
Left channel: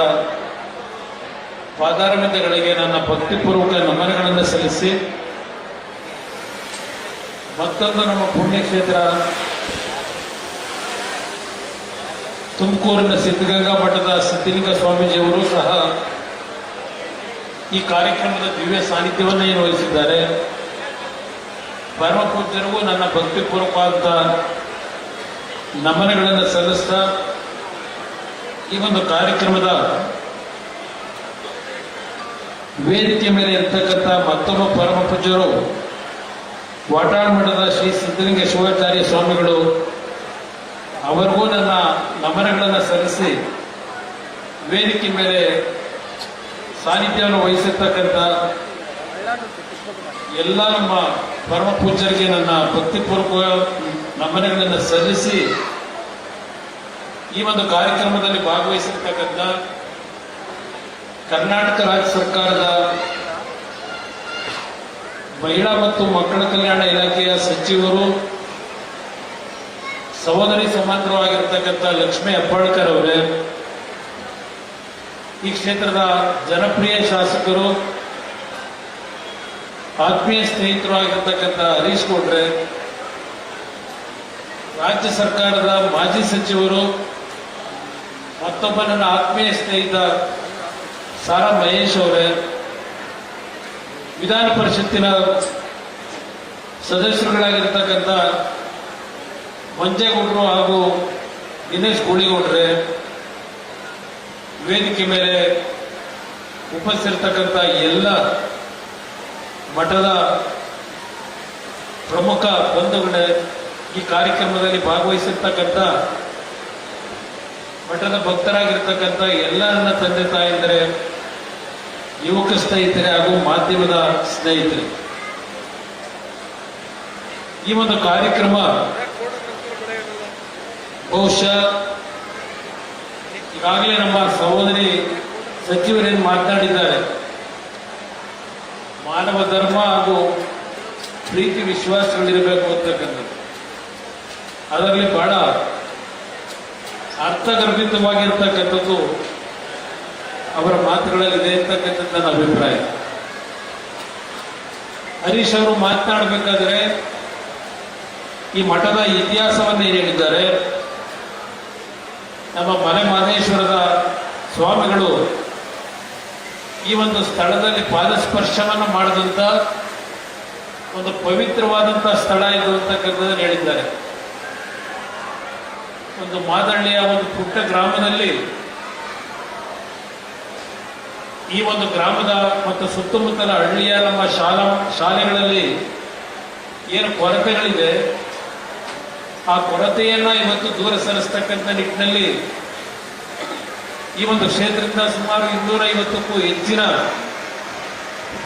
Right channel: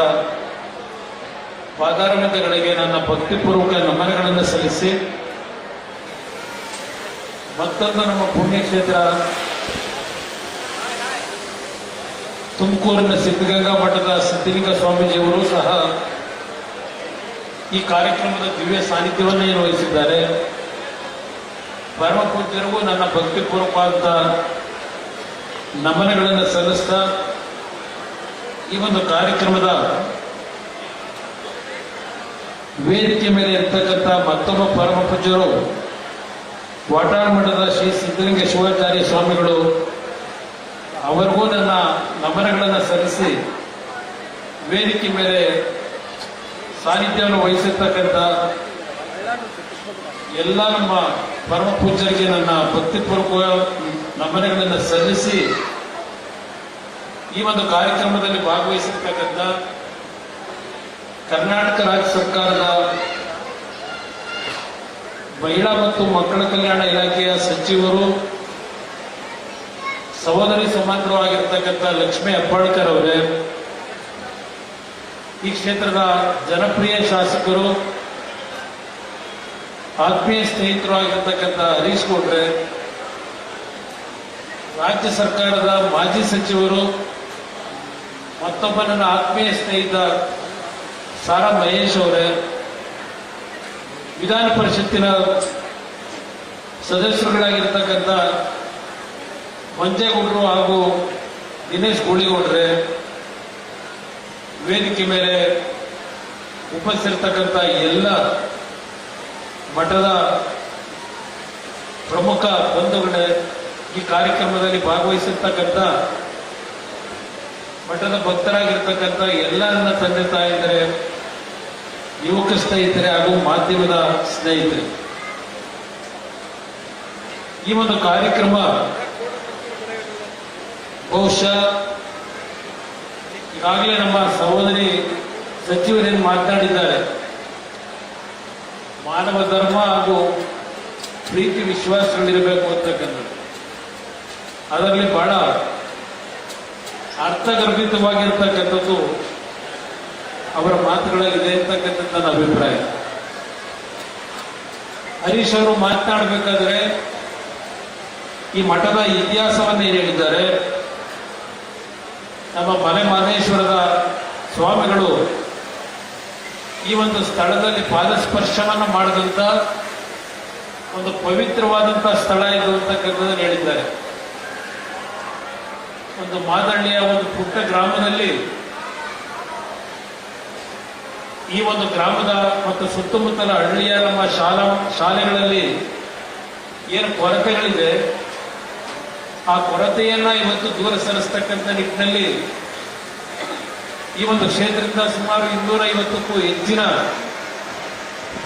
ಪಾದಾರವಿಂದಗಳಿಗೆ ನನ್ನ ಭಕ್ತಿಪೂರ್ವಕ ನಮನಗಳನ್ನು ಸಲ್ಲಿಸಿ, ಮತ್ತೊಂದು ನಮ್ಮ ಪುಣ್ಯಕ್ಷೇತ್ರ ತುಮಕೂರಿನ ಸಿದ್ಧಗಂಗಾ ಮಠದ ಸಿದ್ಧಲಿಂಗ ಸ್ವಾಮೀಜಿಯವರು ಸಹ ಈ ಕಾರ್ಯಕ್ರಮದ ದಿವ್ಯ ಸಾನ್ನಿಧ್ಯವನ್ನು ಏನು ವಹಿಸಿದ್ದಾರೆ. ಪರಮ ಪೂಜ್ಯರಿಗೂ ನನ್ನ ಭಕ್ತಿಪೂರ್ವಕವಾದ ನಮನಗಳನ್ನು ಸಲ್ಲಿಸ್ತಾ, ಈ ಒಂದು ಕಾರ್ಯಕ್ರಮದ ವೇದಿಕೆ ಮೇಲೆ ಇರ್ತಕ್ಕಂಥ ಮತ್ತೊಬ್ಬ ಪರಮ ಪೂಜ್ಯರು ವಾಟಾಳ್ ಮಠದ ಶ್ರೀ ಸಿದ್ಧಲಿಂಗ ಶಿವಾಚಾರ್ಯ ಸ್ವಾಮಿಗಳು, ಅವರಿಗೂ ನನ್ನ ನಮನಗಳನ್ನು ಸಲ್ಲಿಸಿ ವೇದಿಕೆ ಮೇಲೆ ಸಾನ್ನಿಧ್ಯವನ್ನು ವಹಿಸಿರ್ತಕ್ಕಂಥ ಎಲ್ಲ ನಮ್ಮ ಪರಮ ಪೂಜ್ಯರಿಗೆ ನನ್ನ ಭಕ್ತಿಪೂರ್ವಕ ನಮನಗಳನ್ನು ಸಲ್ಲಿಸಿ, ಈ ಒಂದು ಕಾರ್ಯಕ್ರಮದಲ್ಲಿ ಭಾಗವಹಿಸಿರ್ತಕ್ಕಂಥ ಕರ್ನಾಟಕ ರಾಜ್ಯ ಸರ್ಕಾರದ ಮಹಿಳಾ ಮತ್ತು ಮಕ್ಕಳ ಕಲ್ಯಾಣ ಇಲಾಖೆಯ ಸಚಿವರು, ಸಹೋದರಿ ಸಮಾಂತರವಾಗಿರ್ತಕ್ಕಂಥ ಲಕ್ಷ್ಮೀ ಹೆಬ್ಬಾಳ್ಕರ್ ಅವರೇ, ಈ ಕ್ಷೇತ್ರದ ಜನಪ್ರಿಯ ಶಾಸಕರು, ಆತ್ಮೀಯ ಸ್ನೇಹಿತರು ಆಗಿರ್ತಕ್ಕಂಥ ಹರೀಶ್ ಗೌಡ್ರೆ, ರಾಜ್ಯ ಸರ್ಕಾರದ ಮಾಜಿ ಸಚಿವರು, ಮತ್ತೊಬ್ಬ ನನ್ನ ಆತ್ಮೀಯ ಸ್ನೇಹಿತ ಸಾರಾ ಮಹೇಶ್ ಅವರೇ, ವಿಧಾನ ಪರಿಷತ್ತಿನ ಸದಸ್ಯರುಗಳಾಗಿರ್ತಕ್ಕಂಥ ಮಂಜೇಗೌಡರು ಹಾಗೂ ದಿನೇಶ್ ಗೂಳಿಗೌಡ್ರೆ, ವೇದಿಕೆ ಮೇಲೆ ಉಪಸ್ಥಿತಿರ್ತಕ್ಕಂಥ ಎಲ್ಲ ಮಠದ ಪ್ರಮುಖ ಬಂಧುಗಳೇ, ಈ ಕಾರ್ಯಕ್ರಮದಲ್ಲಿ ಭಾಗವಹಿಸಿರ್ತಕ್ಕಂಥ ಮಠದ ಭಕ್ತರಾಗಿರ್ತಕ್ಕಂಥ ಎಲ್ಲ ನನ್ನ ತಂದೆ ತಾಯಂದರೆ, ಯುವಕ ಸ್ನೇಹಿತರೆ ಹಾಗೂ ಮಾಧ್ಯಮದ ಸ್ನೇಹಿತರೆ, ಈ ಒಂದು ಕಾರ್ಯಕ್ರಮ ಬಹುಶಃ ಈಗಾಗಲೇ ನಮ್ಮ ಸಹೋದರಿ ಸಚಿವರೇನು ಮಾತನಾಡಿದ್ದಾರೆ, ಮಾನವ ಧರ್ಮ ಹಾಗೂ ಪ್ರೀತಿ ವಿಶ್ವಾಸಗಳಿರಬೇಕು ಅಂತಕ್ಕಂಥದ್ದು, ಅದರಲ್ಲಿ ಬಹಳ ಅರ್ಥಗರ್ಭಿತವಾಗಿರ್ತಕ್ಕಂಥದ್ದು ಅವರ ಮಾತುಗಳಲ್ಲಿದೆ ಅಂತಕ್ಕಂಥದ್ದು ನನ್ನ ಅಭಿಪ್ರಾಯ. ಹರೀಶ್ ಅವರು ಮಾತನಾಡಬೇಕಾದ್ರೆ ಈ ಮಠದ ಇತಿಹಾಸವನ್ನು ಏನು ಹೇಳಿದ್ದಾರೆ, ನಮ್ಮ ಮನೆ ಮಾದೇಶ್ವರದ ಸ್ವಾಮಿಗಳು ಈ ಒಂದು ಸ್ಥಳದಲ್ಲಿ ಪಾದಸ್ಪರ್ಶವನ್ನು ಮಾಡಿದಂಥ ಒಂದು ಪವಿತ್ರವಾದಂಥ ಸ್ಥಳ ಇದು ಅಂತಕ್ಕಂಥದ್ದನ್ನು ಹೇಳಿದ್ದಾರೆ. ಒಂದು ಮಾದಳ್ಳಿಯ ಒಂದು ಪುಟ್ಟ ಗ್ರಾಮದಲ್ಲಿ ಈ ಒಂದು ಗ್ರಾಮದ ಮತ್ತು ಸುತ್ತಮುತ್ತಲ ಹಳ್ಳಿಯ ನಮ್ಮ ಶಾಲೆಗಳಲ್ಲಿ ಏನು ಕೊರತೆಗಳಿದೆ, ಆ ಕೊರತೆಯನ್ನ ಇವತ್ತು ದೂರ ಸರಿಸ್ತಕ್ಕಂಥ ನಿಟ್ಟಿನಲ್ಲಿ ಈ ಒಂದು ಕ್ಷೇತ್ರದಿಂದ ಸುಮಾರು 250ಕ್ಕೂ ಹೆಚ್ಚಿನ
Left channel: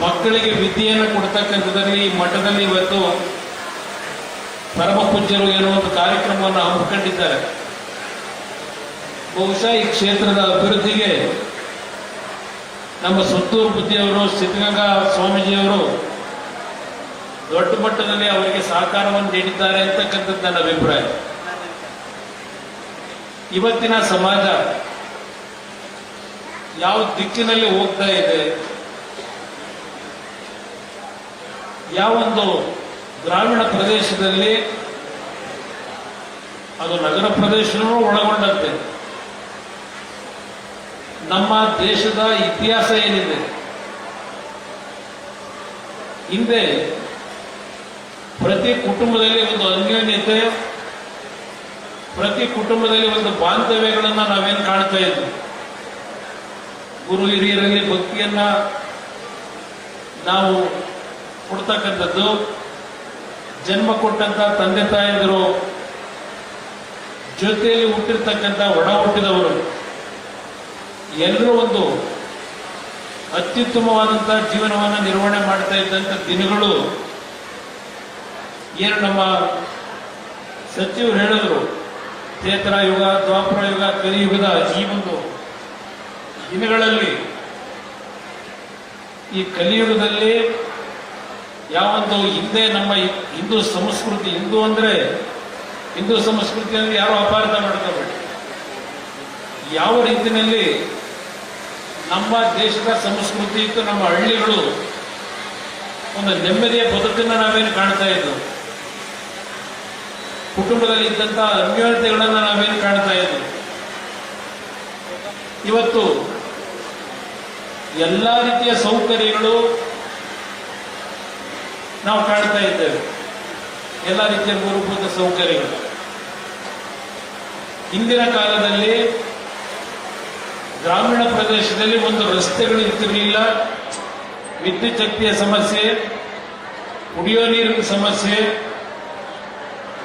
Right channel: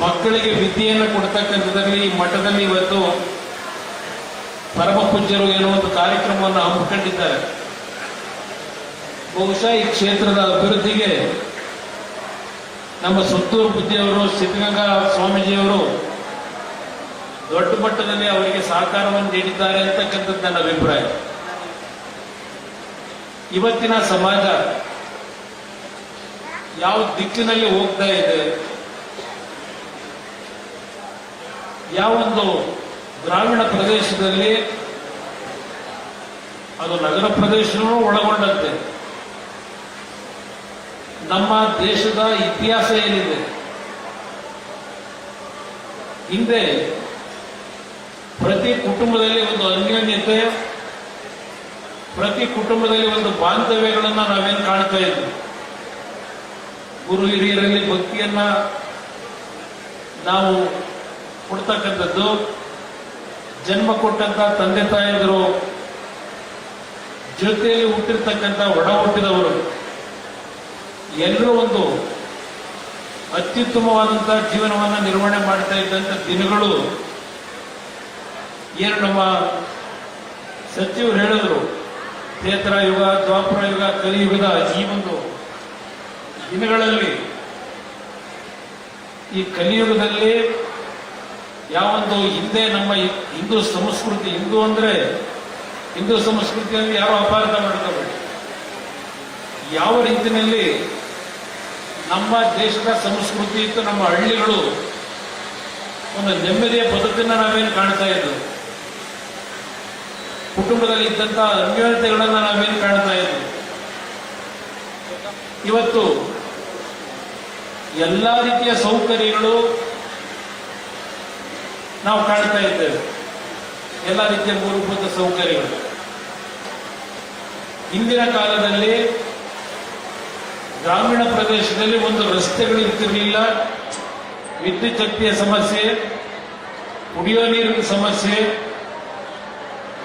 ಮಕ್ಕಳಿಗೆ ವಿದ್ಯೆಯನ್ನು ಕೊಡ್ತಕ್ಕಂಥದ್ರಲ್ಲಿ ಈ ಮಠದಲ್ಲಿ ಇವತ್ತು ಪರಮ ಪೂಜ್ಯರು ಏನೋ ಒಂದು ಕಾರ್ಯಕ್ರಮವನ್ನು ಹಮ್ಮಿಕೊಂಡಿದ್ದಾರೆ. ಬಹುಶಃ ಈ ಕ್ಷೇತ್ರದ ಅಭಿವೃದ್ಧಿಗೆ ನಮ್ಮ ಸುತ್ತೂರು ಬುದ್ಧಿಯವರು, ಸಿದ್ಧಗಂಗಾ ಸ್ವಾಮೀಜಿಯವರು ದೊಡ್ಡ ಮಟ್ಟದಲ್ಲಿ ಅವರಿಗೆ ಸಹಕಾರವನ್ನು ನೀಡಿದ್ದಾರೆ ಅಂತಕ್ಕಂಥದ್ದು ನನ್ನ ಅಭಿಪ್ರಾಯ. ಇವತ್ತಿನ ಸಮಾಜ ಯಾವ ದಿಕ್ಕಿನಲ್ಲಿ ಹೋಗ್ತಾ ಇದೆ, ಯಾವೊಂದು ಗ್ರಾಮೀಣ ಪ್ರದೇಶದಲ್ಲಿ, ಅದು ನಗರ ಪ್ರದೇಶವೂ ಒಳಗೊಂಡಂತೆ ನಮ್ಮ ದೇಶದ ಇತಿಹಾಸ ಏನಿದೆ, ಹಿಂದೆ ಪ್ರತಿ ಕುಟುಂಬದಲ್ಲಿ ಒಂದು ಅನ್ಯೋನ್ಯತೆ, ಪ್ರತಿ ಕುಟುಂಬದಲ್ಲಿ ಒಂದು ಬಾಂಧವ್ಯಗಳನ್ನು ನಾವೇನು ಕಾಣ್ತಾ ಇದ್ವಿ. ಗುರು ಹಿರಿಯರಲ್ಲಿ ಭಕ್ತಿಯನ್ನ ನಾವು ಕೊಡ್ತಕ್ಕಂಥದ್ದು, ಜನ್ಮ ಕೊಟ್ಟಂತ ತಂದೆ ತಾಯಿಯರು ಜೊತೆಯಲ್ಲಿ ಹುಟ್ಟಿರ್ತಕ್ಕಂಥ ಒಡ ಹುಟ್ಟಿದವರು ಎಲ್ಲರೂ ಒಂದು ಅತ್ಯುತ್ತಮವಾದಂತಹ ಜೀವನವನ್ನು ನಿರ್ವಹಣೆ ಮಾಡ್ತಾ ಇದ್ದಂಥ ದಿನಗಳು ಏನು ನಮ್ಮ ಸಚಿವರು ಹೇಳಿದ್ರು, ತ್ರೇತರ ಯುಗ, ದ್ವಾಪರ ಯುಗ, ಕಲಿಯುಗದ ಈ ಒಂದು ದಿನಗಳಲ್ಲಿ, ಈ ಕಲಿಯುಗದಲ್ಲಿ ಯಾವೊಂದು ಹಿಂದೆ ನಮ್ಮ ಹಿಂದೂ ಸಂಸ್ಕೃತಿ, ಹಿಂದೂ ಅಂದ್ರೆ ಹಿಂದೂ ಸಂಸ್ಕೃತಿಯಲ್ಲಿ ಯಾರು ಅಪಾರ್ಥ ಮಾಡ್ಕೋಬೇಡಿ, ಯಾವ ರೀತಿಯಲ್ಲಿ ನಮ್ಮ ದೇಶದ ಸಂಸ್ಕೃತಿ ಇತ್ತು, ನಮ್ಮ ಹಳ್ಳಿಗಳು ಒಂದು ನೆಮ್ಮದಿಯ ಬದುಕನ್ನು ನಾವೇನು ಕಾಣ್ತಾ ಇದ್ದವು, ಕುಟುಂಬದಲ್ಲಿ ಇದ್ದಂತಹ ಅನ್ಯೋನ್ಯತೆಗಳನ್ನು ನಾವೇನು ಕಾಣ್ತಾ ಇದ್ವಿ. ಇವತ್ತು ಎಲ್ಲಾ ರೀತಿಯ ಸೌಕರ್ಯಗಳು ನಾವು ಕಾಣ್ತಾ ಇದ್ದೇವೆ, ಎಲ್ಲ ರೀತಿಯ ಮೂಲಭೂತ ಸೌಕರ್ಯಗಳು. ಹಿಂದಿನ ಕಾಲದಲ್ಲಿ ಗ್ರಾಮೀಣ ಪ್ರದೇಶದಲ್ಲಿ ಒಂದು ರಸ್ತೆಗಳು ಇರ್ತಿರಲಿಲ್ಲ, ವಿದ್ಯುತ್ ಶಕ್ತಿಯ ಸಮಸ್ಯೆ, ಕುಡಿಯೋ ನೀರಿನ ಸಮಸ್ಯೆ.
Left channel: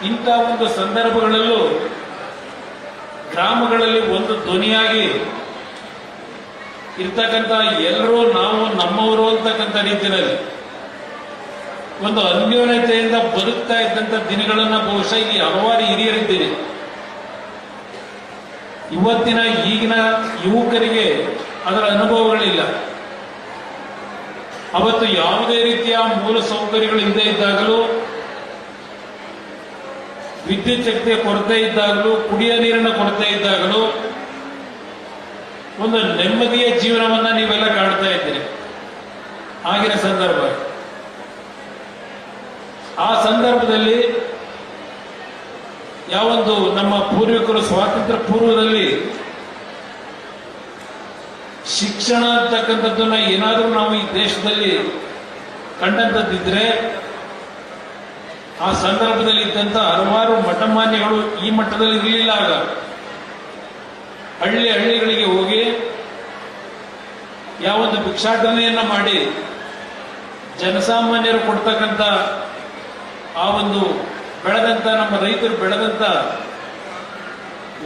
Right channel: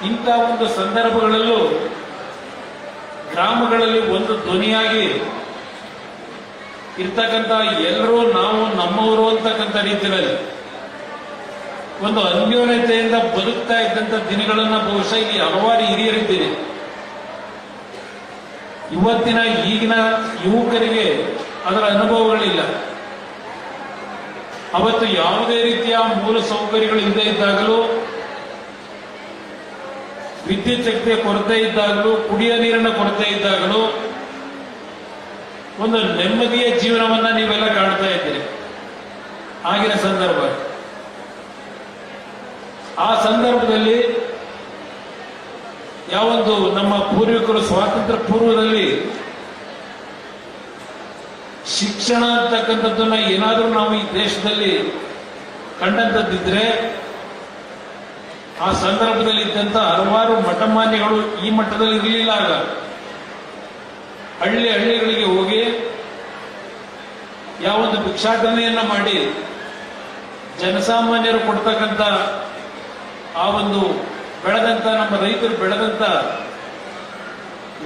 ಇಂಥ ಒಂದು ಸಂದರ್ಭಗಳಲ್ಲೂ ಗ್ರಾಮಗಳಲ್ಲಿ ಒಂದು ಧ್ವನಿಯಾಗಿ ಇರ್ತಕ್ಕಂಥ ಎಲ್ಲರೂ ನಾವು ನಮ್ಮವರು ಅಂತಕ್ಕಂಥ ರೀತಿಯಲ್ಲಿ ಒಂದು ಅನ್ಯೋನ್ಯತೆಯಿಂದ ಬದುಕ್ತಾ ಇದ್ದಂಥ ದಿನಗಳನ್ನ ಬಹುಶಃ ಇಲ್ಲಿ ಹಲವಾರು ಹಿರಿಯರಿದ್ದೀರಿ. ಇವತ್ತಿನ ಈಗಿನ ಯುವಕರಿಗೆ ಅದರ ಅನುಭವಗಳಿಲ್ಲ. ಅವತ್ತು ಯಾವುದೇ ರೀತಿಯ ಮೂಲ ಸೌಕರ್ಯಗಳು ಇಲ್ಲದೆ ಇದ್ದಾಗಲೂ, ವಿದ್ಯುತ್ ಶಕ್ತಿಯ ಕೊರತೆ ಇದ್ದಾಗಲೂ, ಕುಡಿಯ ನೀರಿನ ಕೊರತೆ ಇದ್ದಾಗಲೂ ಒಂದು ನೆಮ್ಮದಿಯ ಜೀವನವನ್ನ ನೀವೆಲ್ಲ ಕಾಣ್ತಾ ಇದ್ದೀರಿ. ಆಗಿನ ಸಂದರ್ಭ, ಆ ಸಂದರ್ಭದಲ್ಲಿ ಯಾವೊಂದು ನಮ್ಮ ಪೂರ್ವಿಕರು ಸ್ವಾತಂತ್ರ್ಯ ಪೂರ್ವದಲ್ಲಿ ಶಿಕ್ಷಣ ಅಂತಕ್ಕಂಥದ್ದನ್ನ ಏನಾದರೂ ನಾವು ಈ ದೇಶದಲ್ಲಿ ಕಂಡಂತದ್ದಿದ್ರೆ, ಆ ಸಂದರ್ಭದಲ್ಲಿ ಇದ್ದಂತ ಹಲವಾರು ಮಠಮಾನ್ಯಗಳು ಈ ಮಟ್ಟದಲ್ಲಿ ಇರಲಿಲ್ಲ. ಆಗ ಹಳ್ಳಿಗಳಿಗೆ ಹೋಗಿ ಯಾವೊಂದು ಭಿಕ್ಷಾಟನೆಯನ್ನ ಮಾಡಿ ಜನಸಾಮಾನ್ಯರು ಕೊಡ್ತಕ್ಕಂಥ ಆ ಒಂದು ಬೆಳೆದಂತ, ನಮ್ಮ ರೈತರು ಬೆಳೆದಂತ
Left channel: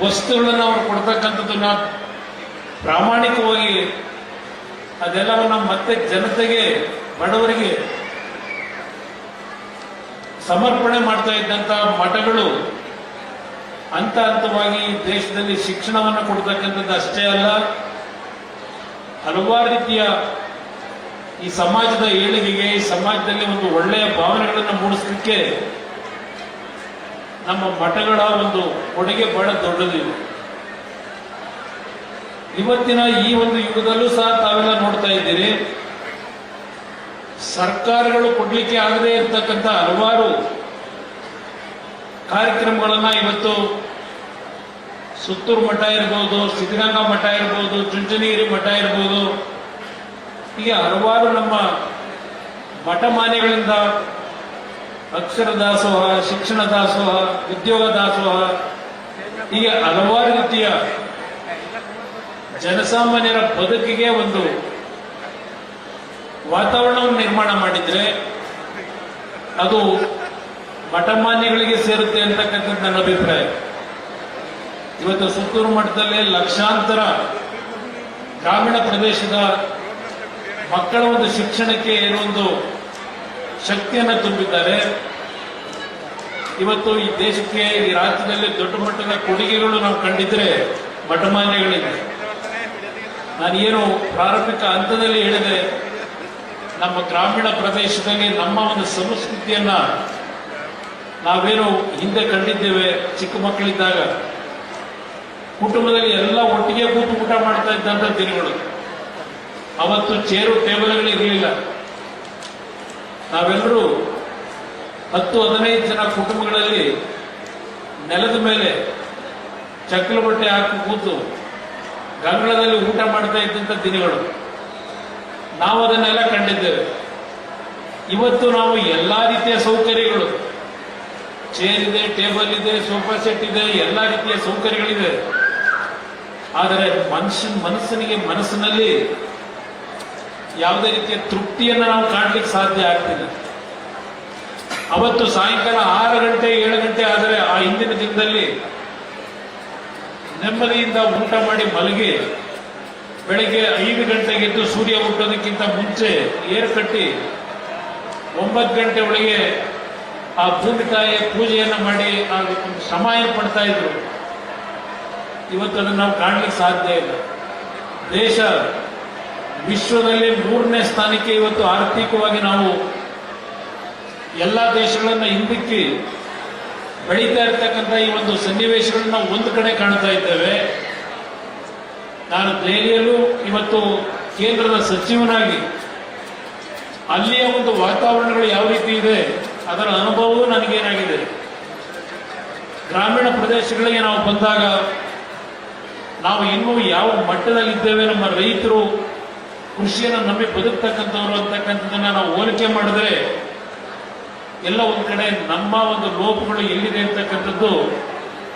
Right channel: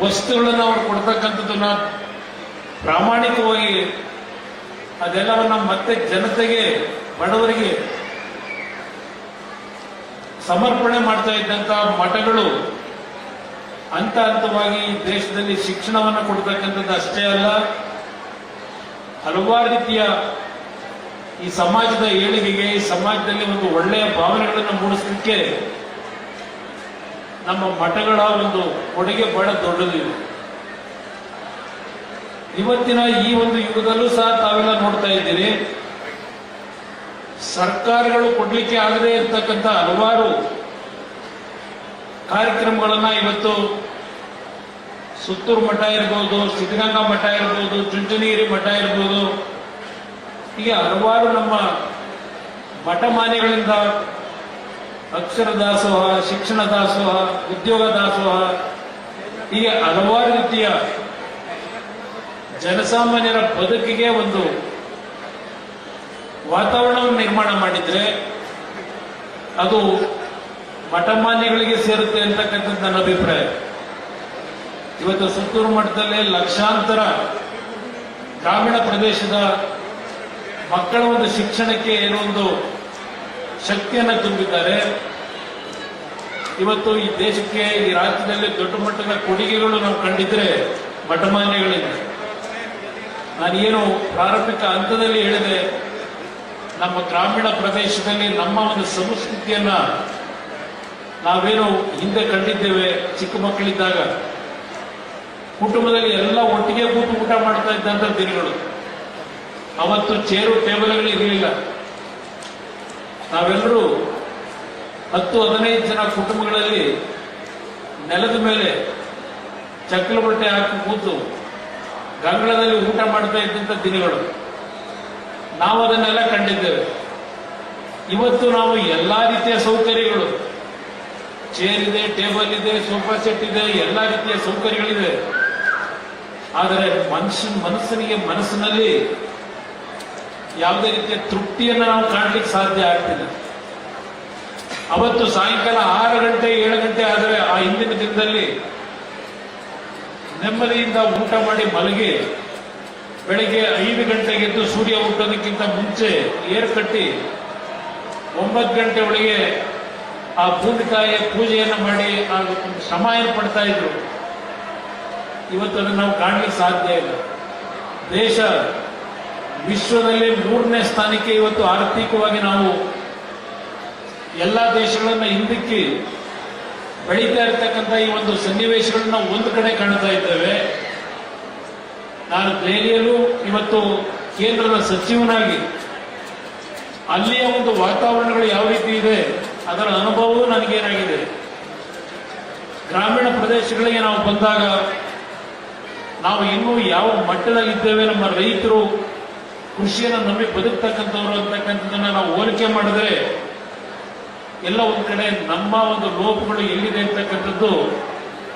ವಸ್ತುಗಳನ್ನು ಅವ್ರು ಕೊಡ್ತಕ್ಕಂಥದ್ದನ್ನ ಪ್ರಾಮಾಣಿಕವಾಗಿ ಅದೆಲ್ಲವನ್ನ ಮತ್ತೆ ಜನತೆಗೆ, ಬಡವರಿಗೆ ಸಮರ್ಪಣೆ ಮಾಡ್ತಾ ಇದ್ದಂತ ಮಠಗಳು ಹಂತ ಹಂತವಾಗಿ ದೇಶದಲ್ಲಿ ಶಿಕ್ಷಣವನ್ನು ಕೊಡ್ತಕ್ಕಂಥದ್ದು ಅಷ್ಟೇ ಅಲ್ಲ, ಹಲವಾರು ರೀತಿಯ ಈ ಸಮಾಜದ ಏಳಿಗೆಗೆ, ಈ ಸಮಾಜದಲ್ಲಿ ಒಂದು ಒಳ್ಳೆಯ ಭಾವನೆಗಳನ್ನು ಮೂಡಿಸಲಿಕ್ಕೆ ನಮ್ಮ ಮಠಗಳ ಒಂದು ಕೊಡುಗೆ ಬಹಳ ದೊಡ್ಡದಿದೆ. ಇವತ್ತಿನ ಈ ಒಂದು ಯುಗದಲ್ಲೂ ಸಹ ತಾವೆಲ್ಲ ನೋಡ್ತಾ ಇದ್ದೀರಿ, ಸರ್ಕಾರಗಳು ಕೊಡ್ಲಿಕ್ಕೆ ಆಗದೇ ಇರತಕ್ಕಂಥ ಹಲವಾರು ಕಾರ್ಯಕ್ರಮಗಳನ್ನ ಇವತ್ತು ಸುತ್ತೂರು ಮಠ ಇರ್ಬೋದು, ಸಿದ್ಧಗಂಗಾ ಮಠ ಇರ್ಬೋದು, ಚುಂಚನಗಿರಿ ಮಠ ಇರ್ಬೋದು, ಹೀಗೆ ಹಲವಾರು ನಮ್ಮ ಮಠಮಾನ್ಯಗಳಿಂದ ಅಕ್ಷರ ದಾಸೋಹ, ಶಿಕ್ಷಣ ದಾಸೋಹ, ಉದ್ಯೋಗ ದಾಸೋಹ, ಹೀಗೆ ಹಲವಾರು ರೀತಿಯ ಜನಸಾಮಾನ್ಯರ ಬದುಕಿಗೆ ಒಂದು ವಾತಾವರಣವನ್ನು ನಿರ್ಮಾಣ ಮಾಡಿದ್ರೆ ಅದು ಮಠಮಾನ್ಯಗಳಿಗೆ ಸೇರುತ್ತೆ ಅಂತಕ್ಕಂಥದ್ದು ನನ್ನ ಅಭಿಪ್ರಾಯ. ಇವತ್ತು ಸುತ್ತೂರು ಮಠದಲ್ಲಿ ಲಕ್ಷಾಂತರ ಗ್ರಾಮೀಣ ಪ್ರದೇಶದ ಮಕ್ಕಳ ಒಂದು ಶಿಕ್ಷಣಕ್ಕೆ ಏನೋ ಒಂದು ಶಕ್ತಿಯನ್ನು ತುಂಬಿದ್ದಾರೆ. ಇವತ್ತು ಈ ದೇಶಕ್ಕೆ, ಈ ರಾಜ್ಯದಲ್ಲಿ ದೊಡ್ಡ ಮಟ್ಟದ ಕೊಡುಗೆಗಳು ನಾವು ಕಂಡಿದ್ರೆ ಮಠಮಾನ್ಯಗಳಿಂದ. ನಾನೇನು ಪ್ರಾರಂಭಿಕ ಹಂತದಲ್ಲಿ ಹೇಳಿದೆ, ನಮ್ಮ ಗ್ರಾಮೀಣ ಪ್ರದೇಶದಲ್ಲಿ ನಮ್ಮ ಒಂದು ಸಂಸ್ಕೃತಿಯನ್ನ ನಾವೇನು ಹಿಂದೆ ಕಂಡಿದ್ದೇವೆ. ಚಿಕ್ಕ ಮಕ್ಕಳಿದ್ದಾಗ ಕುಟುಂಬದಲ್ಲಿ ಎಲ್ಲ ಒಟ್ಟಿಗೆ ಕೂತು ಊಟ ಮಾಡ್ತಾ ಇದ್ದಂಥ ದಿನಗಳು. ಅವತ್ತು ಚೇರು ಟೇಬಲ್ಗಳು ಇರಲಿಲ್ಲ. ನಾವೆಲ್ಲರೂ 10-15 ಜನ ಕುಟುಂಬಗಳಲ್ಲಿ ನೆಲದ ಮೇಲೆ ಚಕ್ಕಲು ಬಟ್ಟೆ ಹಾಕಿ ಕೂತು ಗಂಗಳದಲ್ಲಿ ಊಟ ಮಾಡ್ತಾ ಇದ್ದಂಥ ದಿನಗಳು. ನಾವು ಅದನ್ನೆಲ್ಲ ಕಂಡಿದ್ದೇವೆ. ಇವತ್ತು ನಾವು ಎಲ್ಲಾ ರೀತಿಯ ಸೌಕರ್ಯಗಳು, ಚೇರ್ ಇದೆ, ಟೇಬಲ್ ಇದೆ, ಸೋಫಾ ಸೆಟ್ ಇದೆ, ಎಲ್ಲಾ ರೀತಿಯ ಸೌಕರ್ಯಗಳಿದೆ. ಆದರೆ ಮನಸ್ಸಿನಲ್ಲಿ ಯಾವುದೇ ರೀತಿಯ ತೃಪ್ತಿಯನ್ನು ನಾವು ಕಾಣಲಿಕ್ಕೆ ಸಾಧ್ಯ ಆಗ್ತಿಲ್ಲ. ಅವತ್ತು ಸಾಯಂಕಾಲ 6 ಗಂಟೆ 7 ಗಂಟೆ ಆದರೆ ಆ ಹಿಂದಿನ ದಿನದಲ್ಲಿ ನೆಮ್ಮದಿಯಿಂದ ಊಟ ಮಾಡಿ ಮಲಗಿ ಬೆಳಿಗ್ಗೆ 5 ಗಂಟೆಗೆ ಎದ್ದು ಸೂರ್ಯ ಹುಟ್ಟೋದಕ್ಕಿಂತ ಮುಂಚೆ ಏರು ಕಟ್ಟಿ 9 ಗಂಟೆ ಒಳಗೆ ಆ ಭೂಮಿ ತಾಯಿಯ ಪೂಜೆಯನ್ನು ಮಾಡಿ ಆ ಶ್ರಮ ಏನು ಪಡ್ತಾ ಇದ್ರು. ಇವತ್ತು ಅದನ್ನು ನಾವು ಕಾಣಲಿಕ್ಕೆ ಸಾಧ್ಯ ಇಲ್ಲ. ದೇಶ ವಿಶ್ವದಲ್ಲಿ 3ನೇ ಸ್ಥಾನಕ್ಕೆ ಇವತ್ತು ಆರ್ಥಿಕವಾಗಿ ನಾವು ಎಲ್ಲ ದೇಶಗಳನ್ನ ಹಿಂದಕ್ಕೆ ಬೆಳೀತಾ ಇರ್ತಕ್ಕಂಥ ಈ ಒಂದು ಸನ್ನಿವೇಶಗಳನ್ನ ಒಂದು ಕಡೆ ಕಾಣ್ತಾ ಇದ್ದೇವೆ. ನಾನು ದೆಹಲಿಯಲ್ಲೂ ಇವತ್ತು ಕೇಂದ್ರದ ಸಚಿವನಾಗಿ ಅಲ್ಲಿಯ ಒಂದು ವಾತಾವರಣಗಳು ಯಾವ ರೀತಿ ಇದೆ ಅದರ ಅನುಭವವೂ ನನಗೇನಾಗಿದೆ. ಗ್ರಾಮೀಣ ಪ್ರದೇಶಗಳಿಗೆ ನಾವು ಬಂದಾಗ ನಾವು ಇನ್ನೂ ಯಾವ ಮಟ್ಟದಲ್ಲಿದ್ದೇವೆ, ನಮ್ಮ ರೈತರು ಕೃಷಿಯನ್ನು ನಂಬಿ ಬದುಕ್ತಕ್ಕಂಥವ್ರು ಅಂತಕ್ಕಂಥದ್ದನ್ನ ನಾವು ಹೋಲಿಕೆ ಮಾಡಿದ್ರೆ ಎಲ್ಲ ಒಂದ್ ಕಡೆ ನಮ್ಮ ಒಂದು ಲೋಪಗಳು ಎಲ್ಲಿದೆ ಅಂತಕ್ಕಂಥದ್ದು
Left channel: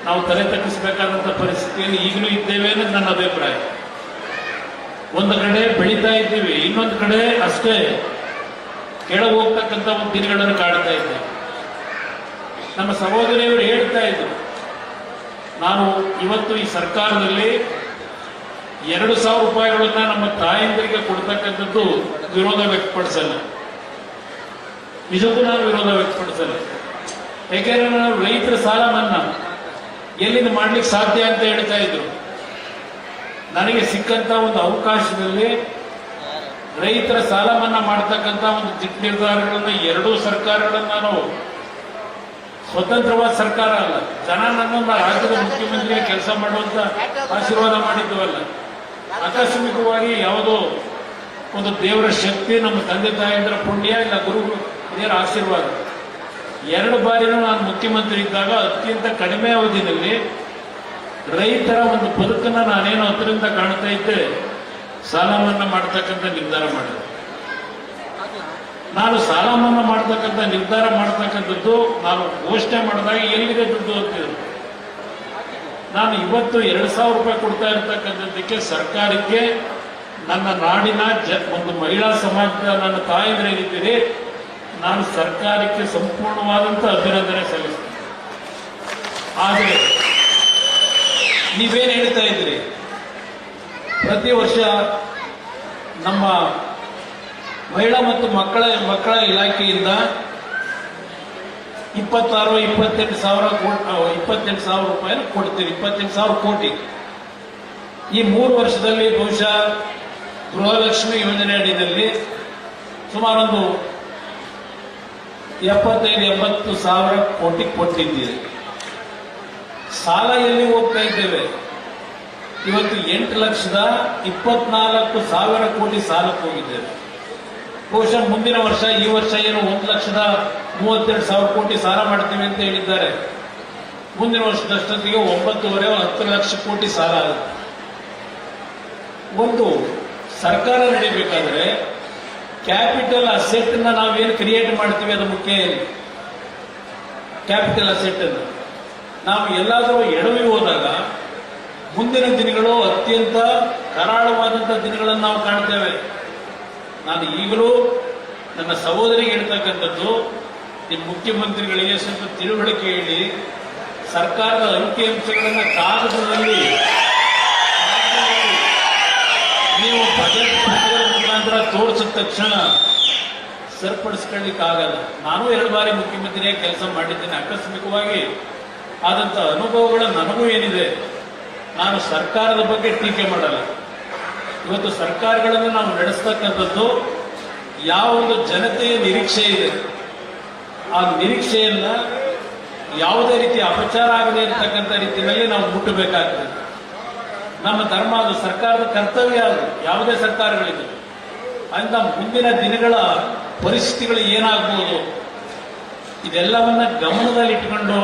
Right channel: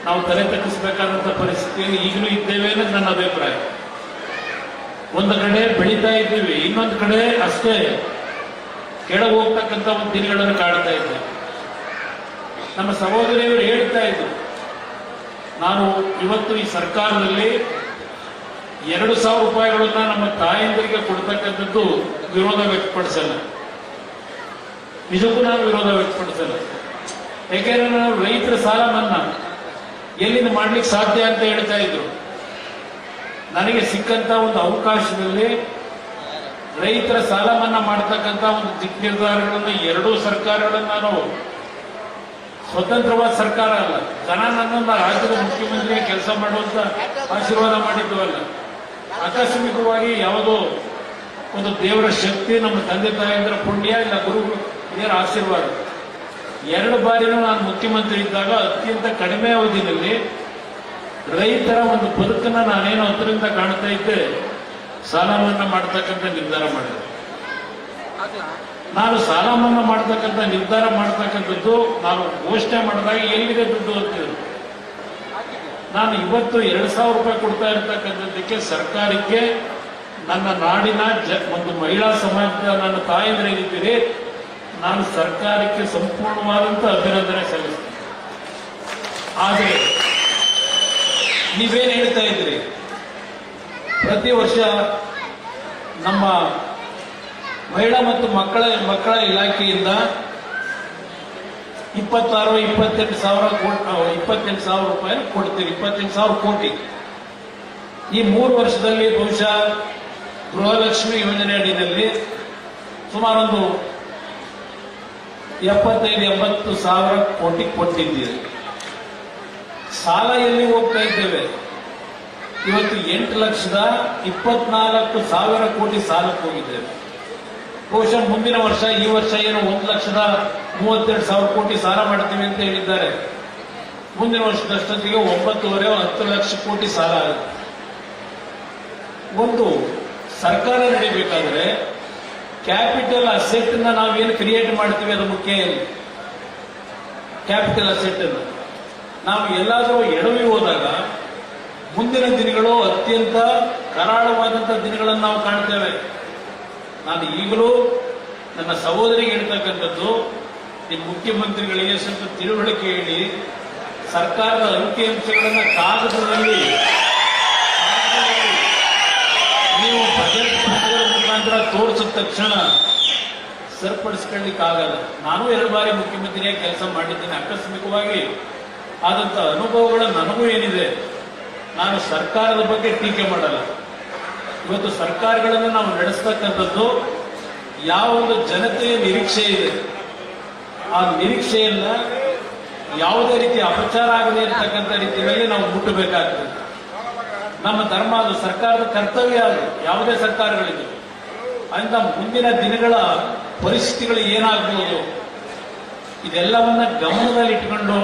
ನಾವು ತಲೆ ತಗ್ಗಿಸಬೇಕಾದಂಥ ಪರಿಸ್ಥಿತಿಯಲ್ಲಿ ಈಗಲೂ ಇದ್ದೇವೆ ಅನ್ನೋದು ನನ್ನ ಅಭಿಪ್ರಾಯ. ಒಂದು ಕಡೆ ಬೆಳೀತಾ ಇದ್ದೀವಿ, ಇನ್ನೊಂದು ಕಡೆ ಅಷ್ಟೇ ಕೆಳಗೆ ಹೋಗ್ತಕ್ಕಂಥ ಒಂದು ದಿನಗಳನ್ನು ಕಾಡ್ತಾ ಇದ್ದೇವೆ. ನಮ್ಮ ಸಹೋದರಿಯವರು ಹೇಳ್ತಾ ಇದ್ರು, ನಾನು ಇವತ್ತು ಈ ಸರ್ಕಾರದಲ್ಲಿ 2,000 ರೂಪಾಯಿಗಳನ್ನ ನಮ್ಮ ತಾಯಂದಿರಿಗೆ ಕೊಡ್ತಕ್ಕಂಥದ್ದು ವಿರೋಧ ವ್ಯಕ್ತಪಡಿಸಲ್ಲ. ನಿಜಕ್ಕೂ ನಾನು ವಿರೋಧ ವ್ಯಕ್ತಪಡಿಸಲ್ಲ. ಯಾಕೆಂದ್ರೆ ನಾವು ರೈತರ ಸಾಲ ಮನ್ನಾ ಎಲ್ಲಿಂದ ಮಾಡ್ಲಿಕ್ಕೆ ಸಾಧ್ಯ ಅಂತ ಹೇಳ್ತಾ ಇದ್ರು. ನನಗೆ ಸಿಕ್ಕಂತ ಒಂದು ಅವಕಾಶದಲ್ಲಿ ರೈತರ ಸಾಲ ಮನ್ನಾ ಮಾಡತಕ್ಕಂಥ ಒಂದು ದಿಟ್ಟ ನಿರ್ಧಾರಗಳನ್ನು 2 ಸರ್ಕಾರಗಳನ್ನ ನಾವು, ಸ್ವತಂತ್ರವಾದ ಸರ್ಕಾರ ಅಲ್ಲ, ಜನ ನನ್ನೊಂದು ರಾಜ್ಯದ ಮುಖ್ಯಮಂತ್ರಿ ಕೆಲಸ ಮಾಡುವಂತ ಆಶೀರ್ವಾದ ಮಾಡಿದ್ವಲ್ಲ, ಆಕಸ್ಮಿಕವಾಗಿ ಯಾವುದೋ ಒಂದು ದೇವರ ಶಕ್ತಿ, ನಮ್ಮ ತಂದೆ ತಾಯಿಯಂದ್ರ ಪುಣ್ಯ, ಇಲ್ಲ ಗುರು ಹಿರಿಯರ ಆಶೀರ್ವಾದ. 2 ಬಾರಿನೂ ನಾನು ಮುಖ್ಯಮಂತ್ರಿ ಇದ್ದಾಗ ಅತ್ಯಂತ ಕಡಿಮೆ ಅವಧಿಯಲ್ಲಿ ರೈತರ ಒಂದು ಬದುಕನ್ನ ನಾನೇನು ಹತ್ತಿರದಿಂದ ಕಾಣ್ತಾ ಇದ್ದೆ, ಸಾಲ ಮನ್ನಾ ಮಾಡತಕ್ಕಂಥ ನಿರ್ಧಾರ ಮಾಡಿದೆ. ನಾನು ಸಾಲ ಮನ್ನಾ ಮಾಡತಕ್ಕಂಥ ನಿರ್ಧಾರ ಮಾಡತಕ್ಕಂಥದ್ದು ನಾನು ಘೋಷಣೆ ಮಾಡಿದಾಗ ಎಲ್ಲಿದೆ ದುಡ್ಡು ಅಂತಿದ್ರು. ನಾನು ಇವತ್ತು 2,000 ರೂಪಾಯಿ ಕೊಡ್ತಾ ಇರತಕ್ಕಂಥದ್ದಕ್ಕೆ ಸರ್ಕಾರಕ್ಕೆ, ನನ್ನ ನಾಡಿನ ಒಂದು ಮಹಿಳಾ ಸಮಾಜದ ನನ್ನ ತಾಯಂದ್ರೇನಿದ್ದೀರಿ, ನಾನು ಸರ್ಕಾರಕ್ಕೆ ಸಂಪೂರ್ಣವಾದಂಥ ಅಭಿನಂದನೆ ಸಲ್ಲಿಸ್ತೇನೆ. ಆದರೆ ನೀವೇನು ಹೇಳ್ತಾ ಇದ್ರಿ? ಪ್ರತಿ ವರ್ಷ ನಮ್ಮ ಮಹಿಳಾ ಮತ್ತು ಮಕ್ಕಳ ಇಲಾಖೆಯಿಂದ 28 ಸಾವಿರ ರೂಪಾಯಿ ಕೊಡ್ತೀವಿ, 28,000 ಕೋಟಿ. ಈ 3 ವರ್ಷದಲ್ಲಿ ಬಹುಶಃ ಗೃಹಲಕ್ಷ್ಮಿ ಯೋಜನೆ ಅಡಿಯಲ್ಲಿ ಸುಮಾರೊಂದು 75-80 ಸಾವಿರ ಕೋಟಿ ಕೊಟ್ಟಿದ್ದೀರಿ. ಸಾಲ ಎಲ್ಲಿ ಹೋಗ್ತಾ ಇದ್ದೇವೆ? ಇವತ್ತು 8,24,000 ಕೋಟಿ ಸಾಲಕ್ಕೆ ಹೋಗಿದ್ದೇವೆ. ಬಹುಶಃ ಮುಂದಿನ ವರ್ಷ, ಈ ವರ್ಷ ಏನು 1,32,000 ಕೋಟಿ ಸಾಲ ಮಾಡ್ತೀವಿ ಅಂತ ಹೇಳಿದ್ದಾರೆ. ಮುಂದಿನ ವರ್ಷದಷ್ಟೊತ್ತಿಗೆ 9.5-10 ಲಕ್ಷ ಕೋಟಿ ಸಾಲ ಆಗುತ್ತೆ. ಒಂದು ಸರ್ಕಾರ ನಡೀಬೇಕಾದ್ರೆ ಕ್ಯಾಪಿಟಲ್ ಅಸೆಟ್ ನಾವೇನು ಕ್ರಿಯೇಟ್ ಮಾಡ್ತೀವಿ ಅದು ಮುಖ್ಯ. ಕ್ಯಾಪಿಟಲ್ ಅಸೆಟ್ ಅನ್ನು ನಾವು ಎಲ್ಲಾದರೂ ಎಡವಿ ಹೋದಾಗ ಮುಂದಿನ ದಿನಗಳು ಅತ್ಯಂತ ಕರಾಳವಾದಂತಹ ದಿನಗಳನ್ನು ನಾವು ಕಾಣ್ತೇವೆ. ನಾನು ಈಗಲೂ ನನ್ನ ಸಹೋದರಿಗೆ ಹೇಳ್ತಕ್ಕಂಥದ್ದು, ನಿಮ್ಮ ಮುಖ್ಯಮಂತ್ರಿಗಳಿಗೆ ಸ್ವಲ್ಪ ತಿಳುವಳಿಕೆ ಹೇಳಿ, ಸರ್ಕಾರದ ಅಂಕಿಅಂಶಗಳನ್ನು ಕಾಗದದಲ್ಲಿ ನೀವು ಬಜೆಟ್ ಪತ್ರಗಳ ಮುಖಾಂತರ ತೋರಿಸಿದ ತಕ್ಷಣ ಸರಿಪಡಿಸ್ಕೊಳ್ಳಿಕ್ಕಾಗಲ್ಲ. ನಾನು 2 ಬಾರಿ ಮುಖ್ಯಮಂತ್ರಿಯಾಗಿ ಕೆಲಸ ಮಾಡಿದ್ದೇನೆ. ಆಕಸ್ಮಿಕವಾಗಿ ಆದಂತ ಅನುಭವಗಳ ನನಗೂ ಏನಿದೆ. ನಾನು ಸರ್ಕಾರದ ಬಗ್ಗೆ ಟೀಕೆ ಮಾಡಲ್ಲ. ಇವತ್ತು ಸರ್ಕಾರಗಳನ್ನು ನಾವು ನಡೆಸ್ತಕ್ಕಂಥದ್ದು ಯಾವ ಒಂದು ಜನತೆಯ ನಿರೀಕ್ಷೆ ಇದೆ, ಆ ನಿರೀಕ್ಷೆಯನ್ನ ಯಾವುದೇ ರೀತಿ ಅಪಚಾರ ಆಗದೆ ಇರತಕ್ಕಂಥ ರೀತಿಯಲ್ಲಿ ನಾವು ಮುಟ್ಟಬೇಕಾಗ್ತದೆ. ನಮ್ಮ ಧರ್ಮ, ಅದು ಸರ್ಕಾರದ ಕರ್ತವ್ಯ. ಅದು ಯಾವುದೇ ಸರ್ಕಾರಗಳಿದೆ ಅಂತ ಮುಂದಿನ ದಿನಗಳ ಪರಿಸ್ಥಿತಿಗಳು ಏನಾಗಬಹುದು ಇದೆಲ್ಲವನ್ನ ಗಮನದಲ್ಲಿಟ್ಟುಕೊಂಡು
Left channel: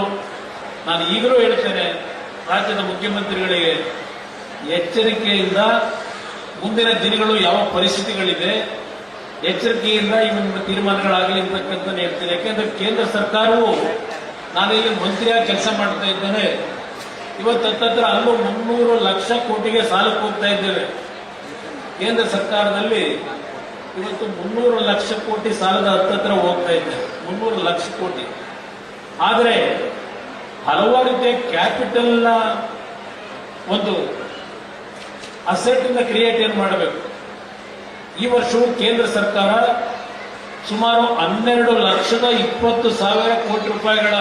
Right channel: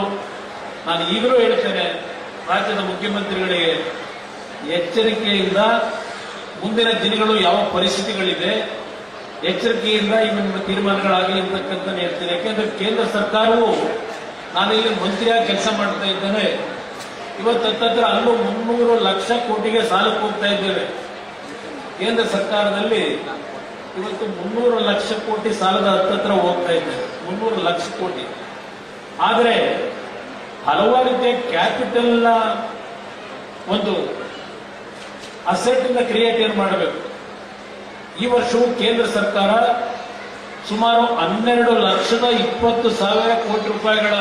ನಾನು ಈಗಲೂ ಹೇಳ್ತೇನೆ, ರಾಜ್ಯದ ಮುಖ್ಯಮಂತ್ರಿಗಳಿಗೆ ಎಚ್ಚರಿಕೆಯಿಂದ ಮುಂದಿನ ದಿನಗಳು ಯಾವ ಪರಿಸ್ಥಿತಿಗಳಿದೆ ಎಚ್ಚರಿಕೆಯಿಂದ ಇವನ್ನ ತೀರ್ಮಾನಗಳಾಗಲಿ ಅಂತಕ್ಕಂಥ ಹೇಳ್ತೇನೆ. ಯಾಕೆಂದ್ರೆ ಕೇಂದ್ರ ಸರ್ಕಾರವು, ನಾನು ಇಲ್ಲಿ ಮಂತ್ರಿಯಾಗಿ ಕೆಲಸ ಮಾಡ್ತಾ ಇದ್ದೇನೆ, ಇವತ್ತು ಹತ್ತತ್ರ ಅಲ್ಲೂ 300 ಲಕ್ಷ ಕೋಟಿಗೆ ಸಾಲಕ್ಕೆ ಹೋಗ್ತಾ ಇದ್ದೇವೆ. ಕೇಂದ್ರ ಸರ್ಕಾರದಲ್ಲಿ ಇವತ್ತು 300 ಲಕ್ಷ ಕೋಟಿ ಸಾಲದ ಹತ್ತತ್ರ ಹೋಗ್ತಾ ಇದ್ದೇವೆ, 300 ಲಕ್ಷ ಕೋಟಿ. ಆದರೆ ಹಲವಾರು ರೀತಿಯ ಕ್ಯಾಪಿಟಲ್ನ ಒಂದು ಅಸೆಟ್ ಇಂದ ಕ್ರಿಯೇಟ್ ಏನ್ ಮಾಡಬೇಕು. ಈ ವರ್ಷವೂ ಕೇಂದ್ರ ಸರ್ಕಾರ ಸುಮಾರು 12,20,000 ಕೋಟಿ ರೂಪಾಯಿಗಳ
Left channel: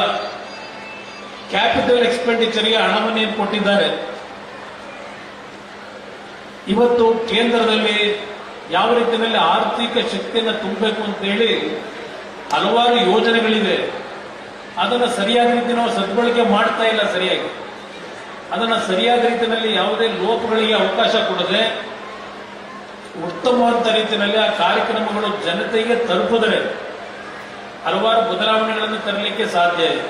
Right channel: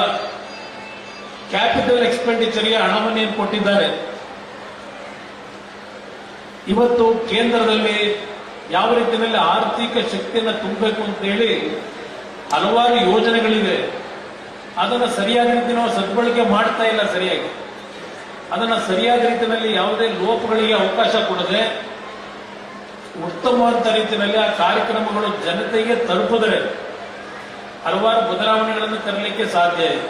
ಕ್ಯಾಪಿಟಲ್ ಎಕ್ಸ್ಪೆಂಡಿಚರ್ಗೆ ಹಣವನ್ನು ಕೊಟ್ಟಿದ್ದಾರೆ. ಇವತ್ತು ಕೇಂದ್ರದಲ್ಲಿ ಯಾವ ರೀತಿಯಲ್ಲಿ ಆರ್ಥಿಕ ಶಕ್ತಿಯನ್ನು ತುಂಬಬೇಕು ಅಂತೇಳಿ ಹಲವಾರು ಯೋಜನೆಗಳಿವೆ. ಅದನ್ನು ಸರಿಯಾದ ರೀತಿ ನಾವು ಸದ್ಬಳಕೆ ಮಾಡ್ತಾ ಇಲ್ಲ. ಸರಿಯಾಗಿ ಅದನ್ನು ಸರಿಯಾದ ರೀತಿಯಲ್ಲಿ ಯಾವುದೇ ಲೋಪಗಳಿಗೆ ಅವಕಾಶ ಕೊಡದೆ ಉತ್ತಮವಾದ ರೀತಿಯಲ್ಲಿ ಆ ಕಾರ್ಯಕ್ರಮಗಳು ಜನತೆಗೆ ತಲುಪಿದರೆ ಹಲವಾರು ಬದಲಾವಣೆಗಳನ್ನು ತರಲಿಕ್ಕೆ ಸಾಧ್ಯ ಇದೆ.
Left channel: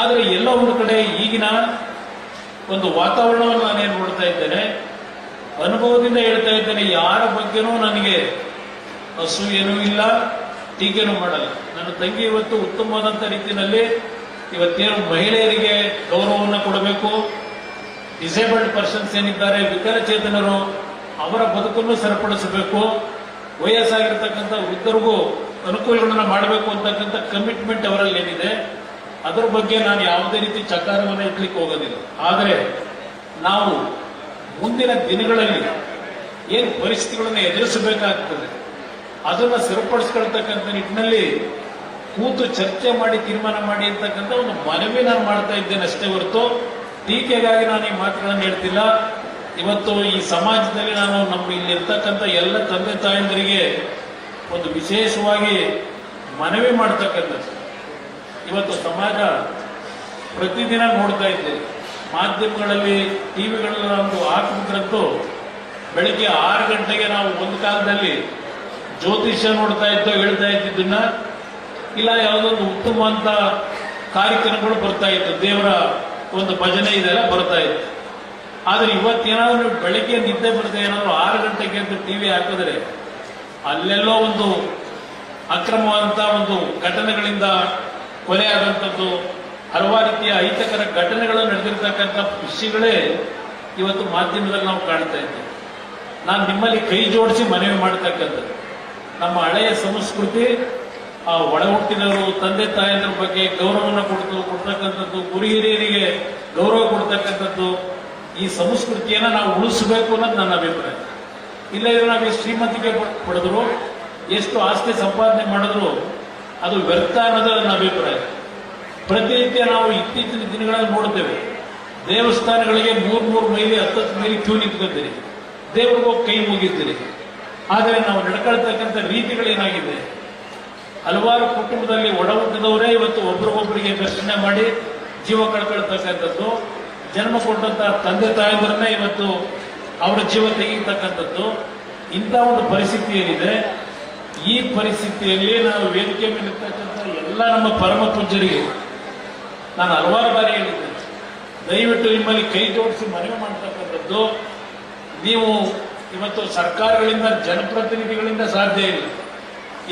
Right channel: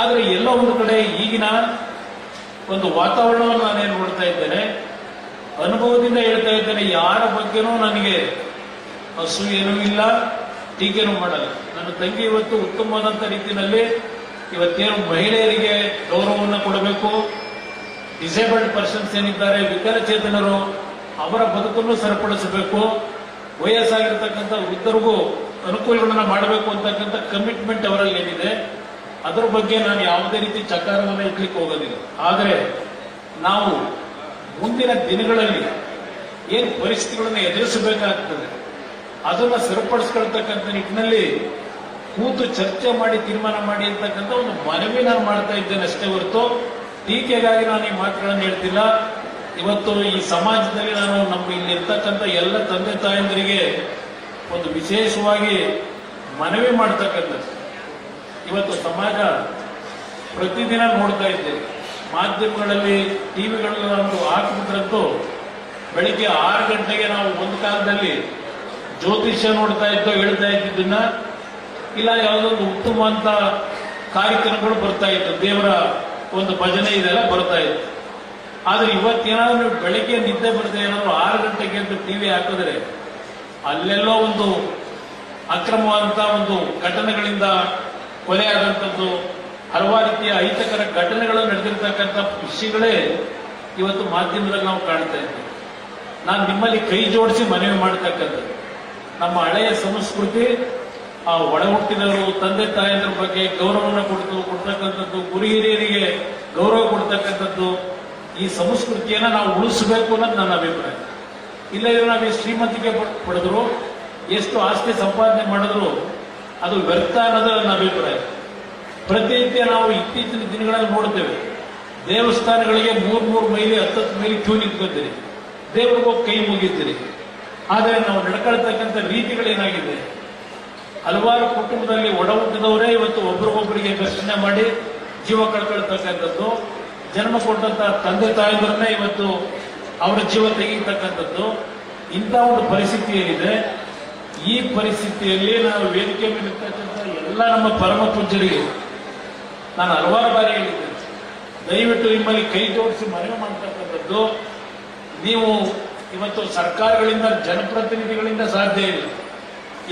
ಆದರೆ ಎಲ್ಲ ಒಂದು ಕಡೆ ಈಗಿನ ಒಂದು ವಾತಾವರಣವನ್ನು ನಾನೇನು ನೋಡ್ತಾ ಇದ್ದೇನೆ, ಅನುಭವದಿಂದ ಹೇಳ್ತಾ ಇದ್ದೇನೆ, ಯಾರ ಬಗ್ಗೆನೂ ನನಗೆ ಅಸೂಯೆನೂ ಇಲ್ಲ, ಟೀಕೆನೂ ಮಾಡಲ್ಲ. ನನ್ನ ತಂಗಿ ಇವತ್ತು ಉತ್ತಮವಾದಂಥ ರೀತಿಯಲ್ಲಿ ಇವತ್ತೇನು ಮಹಿಳೆಯರಿಗೆ ಗೌರವವನ್ನು ಕೊಡಬೇಕು, ಡಿಸೇಬಲ್ಡ್ ಪರ್ಸನ್ಸ್ ಏನಿದ್ದಾರೆ, ವಿಕಲಚೇತನರು, ಅವರ ಬದುಕನ್ನು ಸರಿಪಡಿಸಬೇಕು, ವಯಸ್ಸಾಗಿರ್ತಕ್ಕಂಥ ವೃದ್ಧರಿಗೂ ಅನುಕೂಲಗಳನ್ನು ಮಾಡಬೇಕು ಅಂತಕ್ಕಂಥ ಕಮಿಟ್ಮೆಂಟ್ ಅವರಲ್ಲಿ ಏನಿದೆ, ಅದರ ಬಗ್ಗೆ ನಾನು ಯಾವುದೇ ರೀತಿ ಚಕಾರವನ್ನು ಇಡ್ಲಿಕ್ಕೆ ಹೋಗೋದಿಲ್ಲ. ಆದರೆ ನಾವು ಮುಂದಿನ ದಿನಗಳಲ್ಲಿ ಏನು ಪರಿಸ್ಥಿತಿಗಳನ್ನು ಎದುರಿಸಬೇಕಾಗ್ತದೆ ಅದನ್ನು ಸರಿಪಡಿಸ್ಕೊಳ್ತಕ್ಕಂಥ ನಿಟ್ಟಿನಲ್ಲಿ ಕೂತು ಚರ್ಚೆ ಮಾಡಿ ತೀರ್ಮಾನ ಮಾಡಿ ಅಂತಕ್ಕಂಥ ಒಂದು ಮನವಿ ನಾನು ಮಾಡ್ತಾ ಇದ್ದೇನೆ ಅಷ್ಟೇ ಹೊರತು ಟೀಕೆಗಾಗಿ ನಾನು ಈ ಮಾತುಗಳನ್ನು ಹೇಳ್ತಿಲ್ಲ. ಇವತ್ತು ಈ ಸಮಾಜದಲ್ಲಿ ನಾನು ನಮ್ಮ ಇಲ್ಲಿರ್ತಕ್ಕಂಥ ಎಲ್ಲ ತಂದೆ ತಾಯಂದರಿಗೆ ಒಂದು ವಿಶೇಷವಾಗಿ ಮನವಿ ಮಾಡ್ತಕ್ಕಂಥದ್ದು, ಇವತ್ತು ಸಮಾಜ ಪ್ರತಿದಿನ ನೋಡ್ತಾ ಇದ್ದೇವೆ, ಮಾಧ್ಯಮಗಳಲ್ಲಿ ಟಿವಿಗಳಲ್ಲಿ ಒಂದು ಹಾಕಿಬಿಟ್ರಂತೂ ಬೆಳಿಗ್ಗೆ 6 ಗಂಟೆಗೆ ನಾವು ಒಂದು ಕಾಲದಲ್ಲಿ ಜ್ಯೋತಿಷ್ಯ ನೋಡ್ತಾ ಇದ್ದೋ ಹೇಳ್ತಾ ಇದ್ದಿದ್ದನ್ನ, ಇಲ್ಲ ಯಾವುದೊಂದು ಉತ್ತಮವಂತ ಕಾರ್ಯಕ್ರಮಗಳು ಬರ್ತಾ ಇತ್ತು, ದೇವರ ಒಂದು ಭಜನೆ ಇದೆಲ್ಲ ಬರ್ತಾ ಇತ್ತು. ಆದ್ರೆ ಇವತ್ತೇನಾದ್ರೂ ನೀವು ಬೆಳಿಗ್ಗೆ ನಿದ್ದೆ ಬರದೆ ಏನಾದ್ರು 6 ಗಂಟೆಗೆ ಅಂತ ಟಿವಿ ಹಾಕಿದ್ರೆ ಅಲ್ಲೆಲ್ಲೋ ಒಂದು ಅಕ್ರಮವಾದಂತಹ ಒಂದು ಘಟನೆಗಳಿಂದ ಕೊಲೆ ಆದಂಥದ್ದು, ಹಲವಾರು ರೀತಿಯ ಅಹಿತಕರ ಘಟನೆಗಳು ನಡೆದಿರ್ತಕ್ಕಂಥ ವಿಷಯಗಳೇ ಇವತ್ತು ಮಾಧ್ಯಮದಲ್ಲಿ ನಾವು ಕಾಣ್ತಾ ಇದ್ದೇವೆ. ನಾನು ನಿಮ್ಮಲ್ಲಿ ಕೈ ಜೋಡಿಸಿ ಮನವಿ ಮಾಡತಕ್ಕಂಥದ್ದು, ನಮ್ಮ ಹಳೆಯ ಸಂಸ್ಕೃತಿ ಆ ಒಳ ಹುಟ್ಟಿದವರು ತಂದೆ ತಾಯಂದ್ರ ಬಗ್ಗೆ ಗೌರವವನ್ನು ಕೊಡ್ತಕ್ಕಂಥದ್ದು, ಗುರು ಹಿರಿಯರಿಗೆ ಗೌರವ ಕೊಡ್ತಕ್ಕಂಥದ್ದು, ಈ ಸಂಸ್ಕೃತಿಯನ್ನ ನಾವು ಉಳಿಸಬೇಕು ಅನ್ನೋದು ನನ್ನ ಅಭಿಪ್ರಾಯ. ಇಲ್ಲ ಇದ್ರೆ ನಾವು ಎಷ್ಟು ಶ್ರೀಮಂತಿಕೆ ಪಡೆದ್ರು, ಎಷ್ಟು ಆಸ್ತಿ ಸಂಪಾದನೆ ಮಾಡಿದ್ರು ಅದು ವ್ಯರ್ಥ ಅನ್ನೋದು ನನ್ನ ಅಭಿಪ್ರಾಯ. ಪ್ರತಿನಿತ್ಯ ನಾವು ಇತ್ತೀಚಿನ ದಿನಗಳಲ್ಲಿ ನೋಡ್ತೇವೆ, ದೇವಸ್ಥಾನಗಳಿಗೆ 3 ಮೈಲಿ 10 ಮೈಲಿ ಕ್ಯೂ ನಿಂತ್ಕೊತೀರಿ, ದೇವ್ರಿಗೆ ಹೋಗಿ ಕೈ ಮುಗಿತೀರಿ. ಆದರೆ ನಾವು ನಡ್ಕೊಳ್ತಕ್ಕಂಥ ರೀತಿಗಳೇನಾಗಿದೆ, ಹಲವಾರು ಕುಟುಂಬದಲ್ಲಿ ಒಡ ಹುಟ್ಟಿದವರೇ ಇವತ್ತು ಒಬ್ರಿಗೊಬ್ಬರಿಗೆ ಘರ್ಷಣೆ ಮಾಡಿ ಜೀವ ಕಳ್ಕೊಳ್ತಕ್ಕಂಥದ್ದು, ಜನ್ಮ ಕೊಟ್ಟಂತ ತಂದೆ ತಾಯಿಗಳನ್ನೇ ಇವತ್ತು ಅವರ ಜೀವ ತೆಗೀತಕ್ಕಂಥದ್ದು, ಇಂಥ ಒಂದು ಪರಿಸ್ಥಿತಿ ಏನಿದೆ. ಈ ಪರಿಸ್ಥಿತಿಯಲ್ಲಿ ನಾವು ವೇದಿಕೆ ಮೇಲಿರ್ತಕ್ಕಂಥ ಎಲ್ಲ ನಮ್ಮ ಪರಮ ಪೂಜ್ಯರಿಗೆ ನಾನು ಹಲವಾರು ಬಾರಿ ಹೇಳಿದ್ದೇನೆ, ದಯವಿಟ್ಟು ನಿಮ್ಮಲ್ಲಿ ಕೈ ಜೋಡಿಸಿ ಮನವಿ ಮಾಡ್ತಕ್ಕಂಥದ್ದು, ನೀವು ಇವತ್ತು ಸರ್ಕಾರಗಳಿಂದ ಜನಪ್ರತಿನಿಧಿಗಳಿಂದ ಸಾಧ್ಯ ಇಲ್ಲ.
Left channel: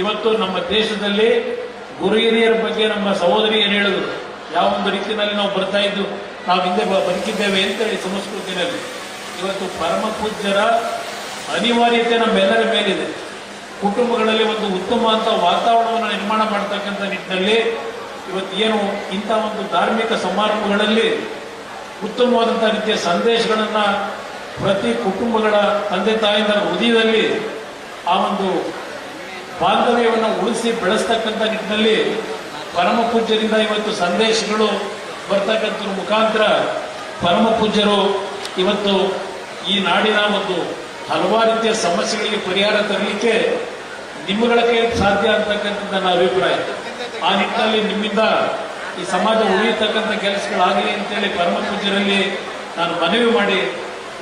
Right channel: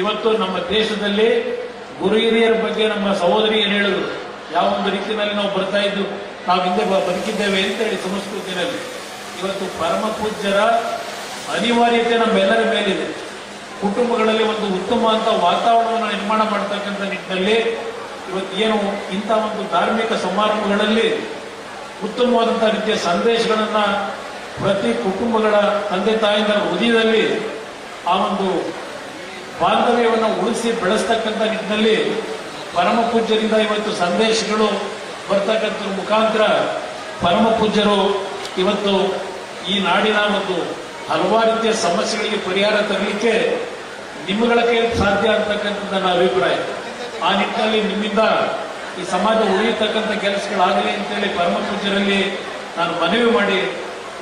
ಇವತ್ತು ನಮ್ಮ ದೇಶದಲ್ಲಿ ಗುರು ಹಿರಿಯರ ಬಗ್ಗೆ ನಮ್ಮ ಸಹೋದರಿ ಏನು ಹೇಳಿದ್ರು, ಯಾವ ಒಂದು ರೀತಿಯಲ್ಲಿ ನಾವು ಬರ್ತಾ ಇದ್ದು, ನಾವು ಹಿಂದೆ ಬದುಕಿದ್ದೇವೆ ಅಂತೇಳಿ ಸಂಸ್ಕೃತಿಯಲ್ಲಿ. ಇವತ್ತು ಪರಮ ಪೂಜ್ಯರ ಅನಿವಾರ್ಯತೆ ನಮ್ಮೆಲ್ಲರ ಮೇಲಿದೆ. ಕುಟುಂಬಗಳಲ್ಲಿ ಒಂದು ಉತ್ತಮ ಅಂತ ವಾತಾವರಣವನ್ನು ನಿರ್ಮಾಣ ಮಾಡತಕ್ಕಂಥ ನಿಟ್ಟಿನಲ್ಲಿ ಇವತ್ತು ಏನು ಇಂಥ ಒಂದು ಧಾರ್ಮಿಕ ಸಮಾರಂಭಗಳಲ್ಲಿ ಉತ್ತಮವಾದಂತಹ ರೀತಿಯ ಸಂದೇಶಗಳನ್ನ ಪ್ರತಿ ಕುಟುಂಬಗಳ ತಂದೆ ತಾಯಿಗಳ ಹೃದಯದಲ್ಲಿ ಆ ಒಂದು ಬಾಂಧವ್ಯವನ್ನು ಉಳಿಸಿ ಬೆಳೆಸ್ತಕ್ಕಂಥ ನಿಟ್ಟಿನಲ್ಲಿ ಪರಮ ಪೂಜ್ಯರಿಂದ ಇವತ್ತು ಸಂದೇಶಗಳು ಬರ್ತಕ್ಕಂಥ ಮುಖಾಂತರ ಪರಮ ಪೂಜ್ಯರು ಇವತ್ತು ಈ ನಾಡಿನ ಒಂದು ಹಲವಾರು ರೀತಿಯ ಸಮಸ್ಯೆಗಳಿಗೆ ಪರಿಹಾರ ತರಲಿಕ್ಕೆ ನಿಮ್ಮಗಳ ಕೈಯಲ್ಲಿ ಸಾಧ್ಯ ಅಂತಕ್ಕಂಥ ನನ್ನ ಅಭಿಪ್ರಾಯ. ಆ ನಿಟ್ಟಿನಲ್ಲಿ ನಿಮ್ಮಿಂದ ಈ ಸಮಾಜ ಉಳಿಯತಕ್ಕಂಥ ಕೆಲಸಗಳಾಗಲಿ ಅಂತೇಳಿ ಪರಮ ಪೂಜ್ಯರಲ್ಲಿ ನಾನು ಮನವಿ ಮಾಡಿ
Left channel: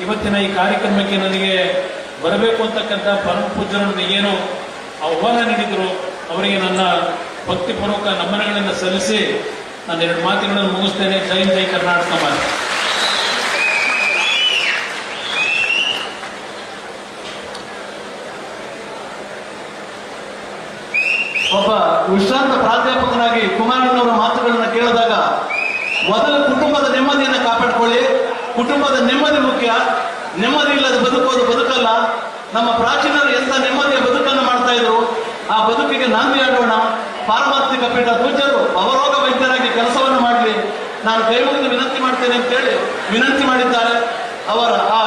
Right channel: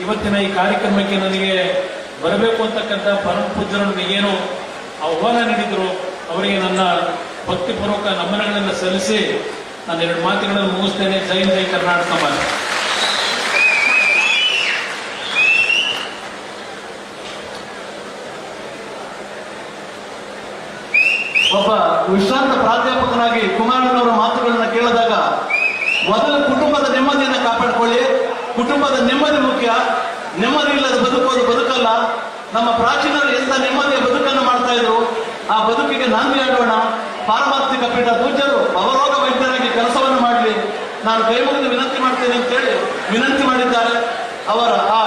ಇವತ್ತಿನ ಈ ಕಾರ್ಯಕ್ರಮಕ್ಕೆ ನನಗೆ ಬರಬೇಕು ಅಂತಕ್ಕಂಥ ಪರಮ ಪೂಜ್ಯರನ್ನು ಏನು ಆಹ್ವಾನ ನೀಡಿದ್ರು ಅವರಿಗೆ ನನ್ನ ಭಕ್ತಿಪೂರ್ವಕ ನಮನಗಳನ್ನು ಸಲ್ಲಿಸಿ ನಾನು 2 ಮಾತುಗಳನ್ನು ಮುಗಿಸ್ತೇನೆ. ಜೈ ಜೈ ಕರ್ನಾಟಕ ಮಾತೆ. ಒಬ್ಬ ವಿಶ್ರಾಂತ ಪ್ರಾಧ್ಯಾಪಕನಾಗಿ ಕುಮಾರಣ್ಣವರ ಮಾತುಗಳನ್ನು ಕೇಳಿದಾಗ ಮೊದಲು ಕುಟುಂಬದ ನೆಮ್ಮದಿಯನ್ನು ಕಾಪಾಡಿಕೊಳ್ಳಿ. ಕುಟುಂಬದ ನೆಮ್ಮದಿ ಮುಖ್ಯ. ನೆಮ್ಮದಿ ಇಲ್ಲದ ಬದುಕೋದು ಬದುಕಲ್ಲ. ನಮ್ಮ ಪ್ರಾಚೀನರು ಎಂತ ನೆಮ್ಮದಿಯ ಬದುಕನ್ನು ಮಾಡ್ತಾ ಇದ್ರು, ಆ ಬದುಕಿಗೆ ನಾಂದಿಯಾಡೋಣ. ಪಾರಮಾರ್ಥಿಕ ಪೀಠ ಪೂಜ್ಯರು ಅವರೋಗ ವೈದ್ಯರಾಗಿ ಕೆಲಸವನ್ನು ಮಾಡಲಿ, ನಾನು ಕೈ ಮುಗಿದು ವಿನಂತಿ ಮಾಡ್ತೇನೆ ಅಂತೇಳಿ ವಿನಂತಿ ಮಾಡಿದ್ದಾರೆ. ಅವರ ಆ